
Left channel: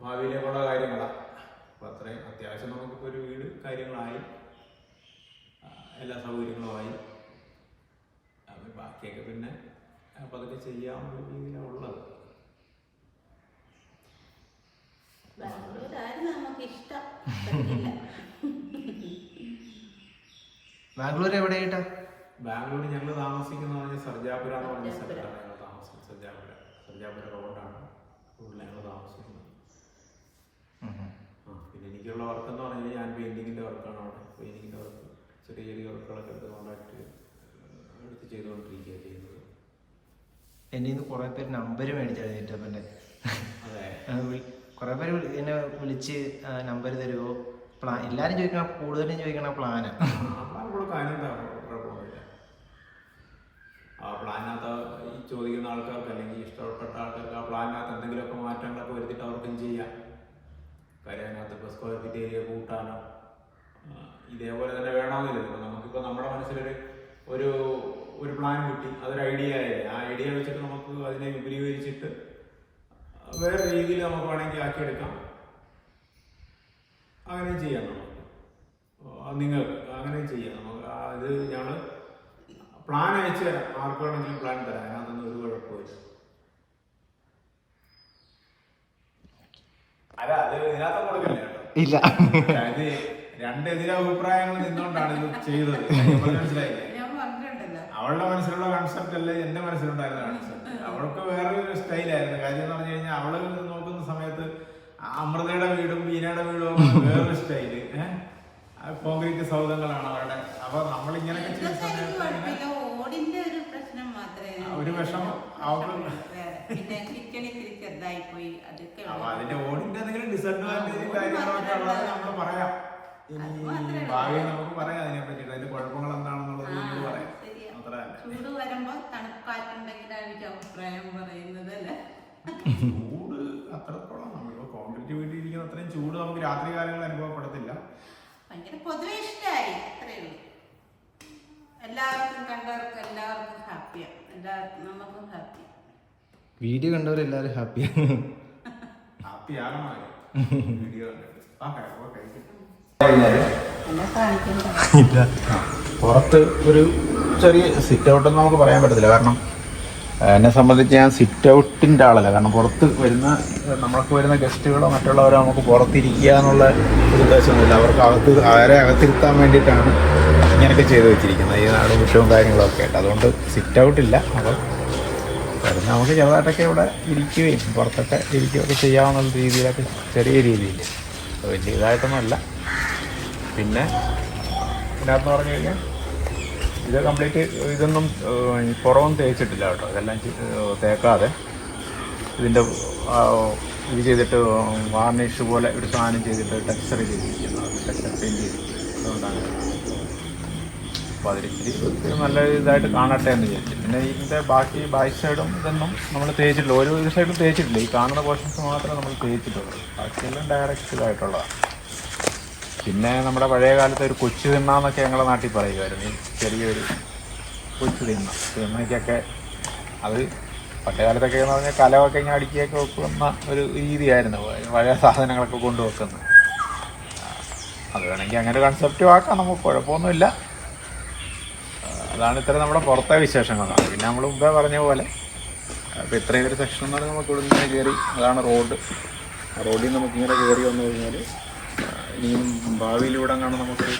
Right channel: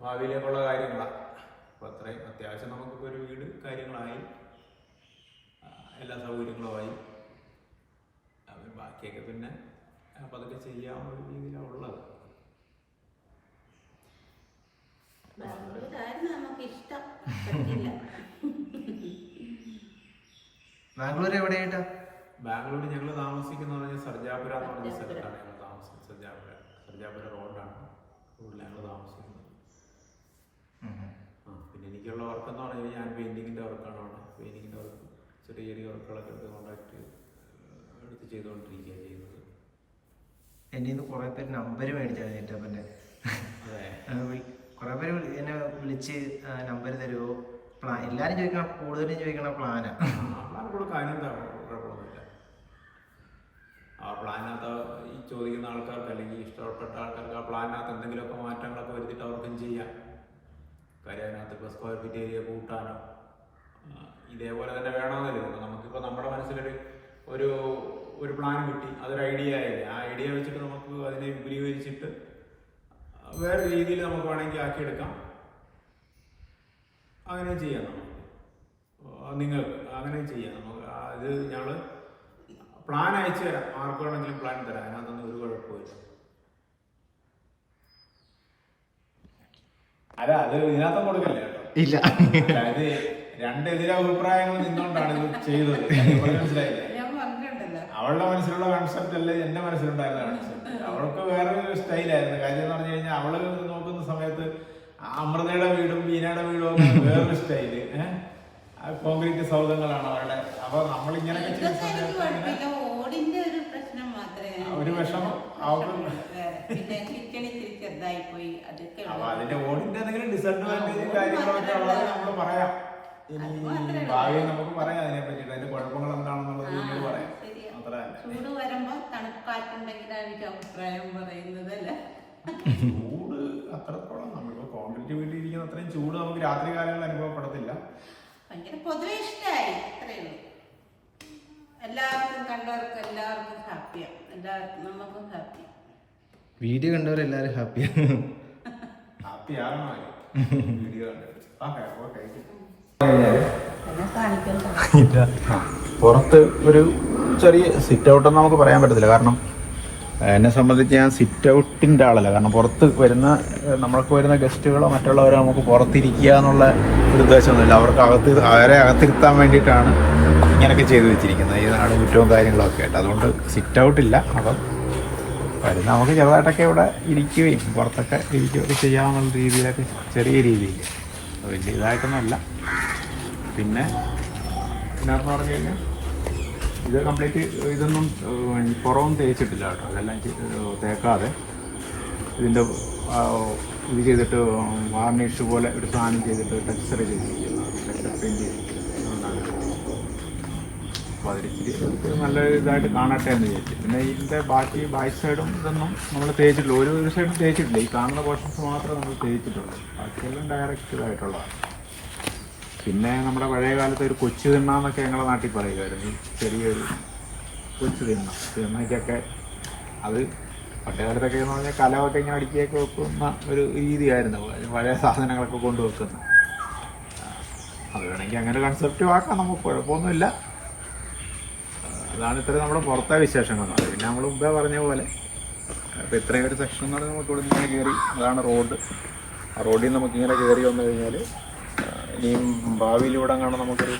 ഭാവിയിലേക്കുള്ള കാര്യങ്ങളാണ്. അപ്പോൾ അത്രയും അത്യാവശ്യം നമുക്കിപ്പോൾ ഒരു വീട് കാര്യങ്ങളായി, എല്ലാ സൗകര്യങ്ങളുമായി. അത് ബാക്കിയൊക്കെ പിന്നെ അപ്പോൾ അതൊക്കെ ചെയ്യാനുള്ള രീതിയിലാണ് ഉള്ളത്. ബാംഗ്ലൂർ എവിടെയായിട്ടാ? ബാംഗ്ലൂർ ഞങ്ങൾ താമസിക്കുന്നത് പറഞ്ഞാൽ സർജാപുര എന്ന് പറഞ്ഞ സ്ഥലത്താണ് ഞങ്ങൾ താമസിക്കുന്നത്. സർജാപുര റോഡാണ് റോഡിൽ ഞങ്ങൾ താമസിക്കുന്നത്. പിന്നെ എനിക്കുള്ള വർക്ക് എന്ന് പറഞ്ഞു കഴിഞ്ഞാൽ ഞാൻ പെയിൻറ്റിങ്ങിൻ്റെ വർക്കാണ് അവിടെ. പെയിൻറ്റിങ്ങിൻ്റെ വർക്ക് ചെറിയ ചെറിയ വർക്കുകളൊക്കെ എടുത്ത് കോൺടാക്ട് എടുത്ത് ചെയ്തുകൊണ്ടിരിക്കുകയാണ് ചെയ്യുന്നത്. എൻ്റെ നിന്ന് കുറേ പേര് നമ്പർ മേടിച്ചാൽ ചേട്ടപ്പൻ്റെ. അതെ, കുറേ പേര് എന്നെ വിളിച്ച് നമ്പർ തരുമോ, എല്ലാവരും ചോദിക്കണം, കൂടുതലും ചോദിക്കണം പ്ലാനാണ്. പ്ലാൻ കൊടുക്കാം, അതിനെന്താ കുഴപ്പമൊന്നുമില്ല. ആ പ്ലാനിനകത്ത് ഈ ചോദിക്കുന്ന ആൾക്കാർക്ക് അല്ലെങ്കിൽ ഇഷ്ടപ്പെട്ട ആൾക്കാർക്ക് ആ പ്ലാനിനകത്ത് എന്തെങ്കിലുമൊക്കെ മാറ്റങ്ങളൊക്കെ വരുത്തിയിട്ട് അവർക്കും ചെയ്യാം. കാര്യം അതിനകത്ത് ഇപ്പോൾ സ്ക്വയർ ഫീറ്റ് ഏരിയ കൂട്ടാനോ ഇതേപോലെ തന്നെ വേണമെന്നില്ല. ഇപ്പോൾ നമുക്കിപ്പോൾ നമ്മുടെ മനസ്സിലൊരു ഒരു പ്ലാൻ കിട്ടി, അതൊരു ഐഡിയ ആയില്ലേ. ആ ഐഡിയ വെച്ചിട്ട് നമുക്ക് അതിനെ വിപുലീകരിച്ചിട്ട് വേറെ രീതിയിൽ നമുക്ക് വേണമെങ്കിൽ ആക്കിയെടുക്കാം. അങ്ങനെയും ചെയ്യാം. നമുക്ക് നിങ്ങൾക്ക് അങ്ങനെയും ചെയ്യാം. നമുക്ക് ഇത് ഞങ്ങൾ പ്ലാൻ അയച്ചു തരാം. ആർക്ക് വേണമെങ്കിലും പ്ലാൻ തരാം. അതിനകത്തൊന്നും ഒരു കുഴപ്പമില്ല. അല്ല, അത് ഇതിനകത്തും കൊടുക്കല്ലേ കേട്ടോ. ഇല്ല, അത് രണ്ട് എതിരഭിപ്രായങ്ങൾ നിന്നുകൊണ്ടാണ് ഇത് ചെയ്തത്. മനസ്സിലായില്ലേ? അവളുടെ മനസ്സിലുള്ള കൺസെപ്റ്റ് അല്ലേ എന്റെ മനസ്സിലുണ്ടായിരുന്ന കൺസെപ്റ്റ്. അവൾക്ക് വേറൊരു സ്റ്റൈലായിരുന്നു. കാര്യം എന്ന് പറഞ്ഞു കഴിഞ്ഞാൽ അവള് നോക്കുന്ന സമയത്ത് അമൃതയുടെ വീടും ബീനയുടെ വീടും ഒക്കെ വേറൊരു സ്റ്റൈല്. കോൺക്രീറ്റ് സൗധങ്ങളാണ് അവരുടെ. അപ്പൊ നമ്മളിങ്ങനെയൊക്കെ ചെയ്യുന്ന സമയത്ത് ഒരു വിഷമം അവർക്ക്. അപ്പൊ അതിന്റെ ഓടിന്റെ എന്തെങ്കിലും ഡിസഡ്വാൻറ്റേജ് കാര്യങ്ങളൊക്കെ ഉള്ളത് നമ്മള് പറയാം. ഇനി ഭാവിയിൽ നമുക്ക് പറയാം അതിനെ പറ്റിയിട്ട്, അതിന്റെ കുഴപ്പങ്ങൾ എന്താണെന്നുള്ളത് നിങ്ങൾ പറയാം. ചൂട് വരുമ്പോ തണുപ്പായിട്ടുണ്ടെങ്കിലാണ് എനിക്ക് അഭിപ്രായം പറയുന്നത് അല്ലേ. ചൂട് അത്രത്തോളം നമ്മളിപ്പോ കോൺക്രീറ്റ് വീട്ടിൽ ഇരിക്കുന്ന അത്രയും ചൂട് നമുക്ക് രാത്രി കാലങ്ങളിൽ അനുഭവപ്പെടത്തില്ല. ഭയങ്കര പൊതുവെ ഇഷ്ടമായി, അത്രയേ ഉള്ളൂ. എല്ലാവർക്കും കണ്ടവർക്ക് എല്ലാവർക്കും ഹാപ്പിയാണ്. എല്ലാവർക്കും നമുക്കും ഹാപ്പി. വീഡിയോ കണ്ടവരെല്ലാരും ഹാപ്പിയാണ്. ഹാപ്പിയാകണോ വീഡിയോ കണ്ടിട്ട്? പുറത്ത് ഒരു ചെറിയ സിറ്റ് ഔട്ട് എന്ന് നമുക്ക് പറയാൻ പറ്റത്തില്ല. കാരണം എന്നെ സംബന്ധിച്ച് ഞാൻ സിറ്റ് ഔട്ടിൻ്റെ ആളല്ല. കാരണം പുറത്ത് വരുന്ന നമ്മൾക്ക് വരുന്ന ഗസ്റ്റുകളോ മറ്റുള്ളവരോ നമുക്ക് പുറത്തിരിക്കുക എന്നുള്ള ഒരു ഉദ്ദേശമൊന്നുമില്ല. അവരെ അകത്തിരുത്താൻ വേണ്ടിയിട്ടാണ് ഇങ്ങനെയൊക്കെ ചെയ്തു വെച്ചിരിക്കുന്നത്. ഈ നാടും കുറ്റവും കാര്യങ്ങളൊക്കെ ആയിട്ട്. അതുകൊണ്ട് സിറ്റ് ഔട്ടില്ല. അപ്പം വരുന്ന നമുക്ക് ചെറുതായിട്ടൊക്കെ ഇവിടെ ഇരിക്കുകയും പുറത്തൊക്കെ ഇരിക്കുകയൊക്കെ ചെയ്യാവുന്ന രീതിയിലൊക്കെ ചെറിയ രീതിയിൽ വലിയ ഇതായിട്ടൊന്നുമല്ല. പിന്നെ ഇതിനകത്ത് പറഞ്ഞു കഴിഞ്ഞാൽ ഇത് കംപ്ലീറ്റ് ഇതൊന്നും പുറമൊന്നും തേച്ചിട്ടില്ല കേട്ടോ. ഇതെല്ലാം തേക്കാതെ ഇതിൻ്റെ ഇത് ചെയ്തിട്ട് വാർണിഷ് പോലെ ഒരു സാധനം ചെയ്തിട്ട് ടെക്സ്ചർ ചെയ്തിരിക്കുന്നത്, ടെക്സ്ചർ പെയിൻറ്റ് ചെയ്തിരിക്കുന്നത്. അതുകൊണ്ടാണ്. അപ്പോൾ അതിരിച്ചിരി നല്ല ഇതായിട്ട് കാണട്ടെ എന്ന് വിചാരിച്ചു. പിന്നെ ഇതിൻ്റെ ബാക്ക് സൈഡും ഇതൊന്നും നമ്മൾ തേച്ചിട്ടില്ല, ഒരു സൈഡും തേച്ചിട്ടില്ല. ഈ കാണുന്ന പോർഷൻസ് മാത്രമേ നമ്മൾ തേച്ചിട്ടുള്ളൂ, ബാക്കിയെല്ലാം ഡയറക്റ്റ് ഇതായിട്ടുള്ളതാണ്. പിന്നെ നമ്മുടെ പഴയ കാലത്ത് ഒരു കൊച്ചു തിണ്ണാന്നൊക്കെ ഞങ്ങളുടെ നാട്ടിൽ പറയുമായിരുന്നു. ചെറിയൊരു കൊച്ചു തിണ്ണയ്ക്കൊക്കെ അത് പണ്ട് കാലത്തൊക്കെ എന്ന് പറഞ്ഞാൽ കലമൊക്കെ ഇങ്ങനെ അടുക്കിയൊക്കെ വെക്കുന്ന ഒരു രീതിയായിരുന്നു, പഴയ സാധനങ്ങളൊക്കെ കൊണ്ടുവെക്കുന്നത്. അത് വേണമെങ്കിൽ അങ്ങനെ കൺസെപ്റ്റും ആക്കാം, നമുക്ക് കുഴപ്പമൊന്നുമില്ല. അതാണ് ഇത്ര നമ്മുടെ പുറത്തെ വിശേഷങ്ങളാണ്. പിന്നെ നമ്മൾ മുമ്പേ പറഞ്ഞ പോലെ ഇപ്പോൾ ഇത്രയും ഒരു സെക്ഷൻ എന്ന് പറഞ്ഞാൽ നമുക്ക് ഇവിടെ ഇങ്ങനെ കയറി, അതാണ് റോഡ്. റോഡിൽ നിന്ന് നമുക്കിങ്ങനെ കയറി വന്നു കഴിഞ്ഞാൽ ഇനിയും ഭാവിയിലൂടെ കാണാൻ നമുക്കൊരു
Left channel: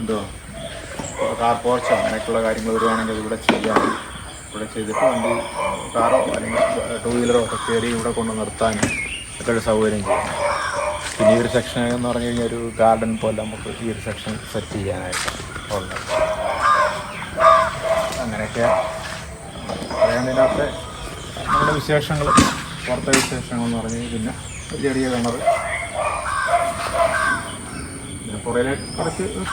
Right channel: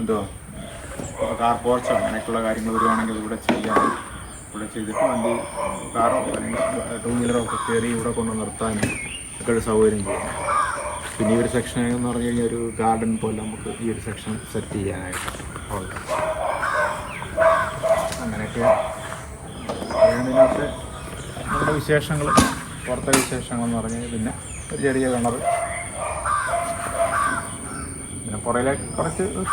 എന്തുവാ കാർ പോർച്ചോ അങ്ങനെയൊക്കെയുള്ള കാര്യങ്ങൾ വരുവാണെങ്കിൽ അതിവിടെ ചെയ്യാം. ഇവിടെ ചെയ്തിട്ട് വണ്ടി കാറോ അല്ലെങ്കിൽ 2 വീലറോ ഒക്കെ കയറി ഇവിടെ കൊണ്ട് നിർത്താനും ഒക്കെ ഒരു സൗകര്യം ചെയ്യാം. പിന്നെ ഈ ഒരു സെക്ഷൻ എന്ന് പറഞ്ഞു കഴിഞ്ഞാൽ ഒരു ഗാർഡൻ പോലെ നമുക്ക് ഈ ഒരു സെക്ഷൻ സെറ്റ് ചെയ്യാനായിട്ട് ഉണ്ട്. അങ്ങനെയൊക്കെ അതാണ് ഇതിനകത്തെ നമ്മുടെ വിശേഷങ്ങൾ, പുറത്തെ വിശേഷങ്ങൾ എന്ന് പറഞ്ഞു കഴിഞ്ഞാൽ. പിന്നെ ഒരു ചെറിയ കിണർ, പിന്നെ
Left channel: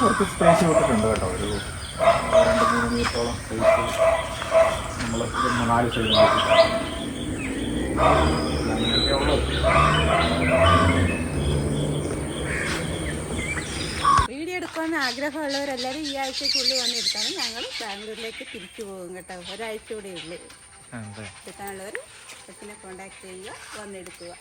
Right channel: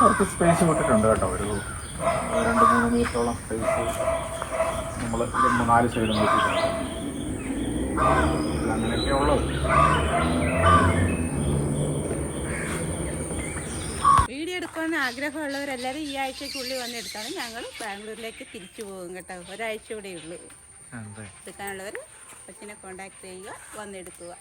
കുറച്ച് സ്പേസ് വിട്ടിട്ടുണ്ട് കേട്ടോ. ഒരു 2-3 മീറ്ററോളം സ്പേസ് നമ്മൾ ഇത് 4 സൈഡും വിട്ടിട്ടുണ്ട്. അങ്ങനെയൊക്കെ ഉള്ളത്. വീഡിയോ എടുക്കുമെന്ന് ആഗ്രഹമുള്ളവരെല്ലാവരും ഈ ആഴ്ചക്കുള്ളിൽ വന്നെടുത്താണ്. ഞങ്ങൾ ബാംഗ്ലൂരിലേക്ക് തിരിച്ചു പോകും കേട്ടോ. ഒരാഴ്ച കൂടെ ഉള്ളൂ. എടുക്കാനുള്ളവർ കൊച്ചിനെ കോണ്ടാക്ട് ചെയ്യുക, വന്നെടുക്കുക.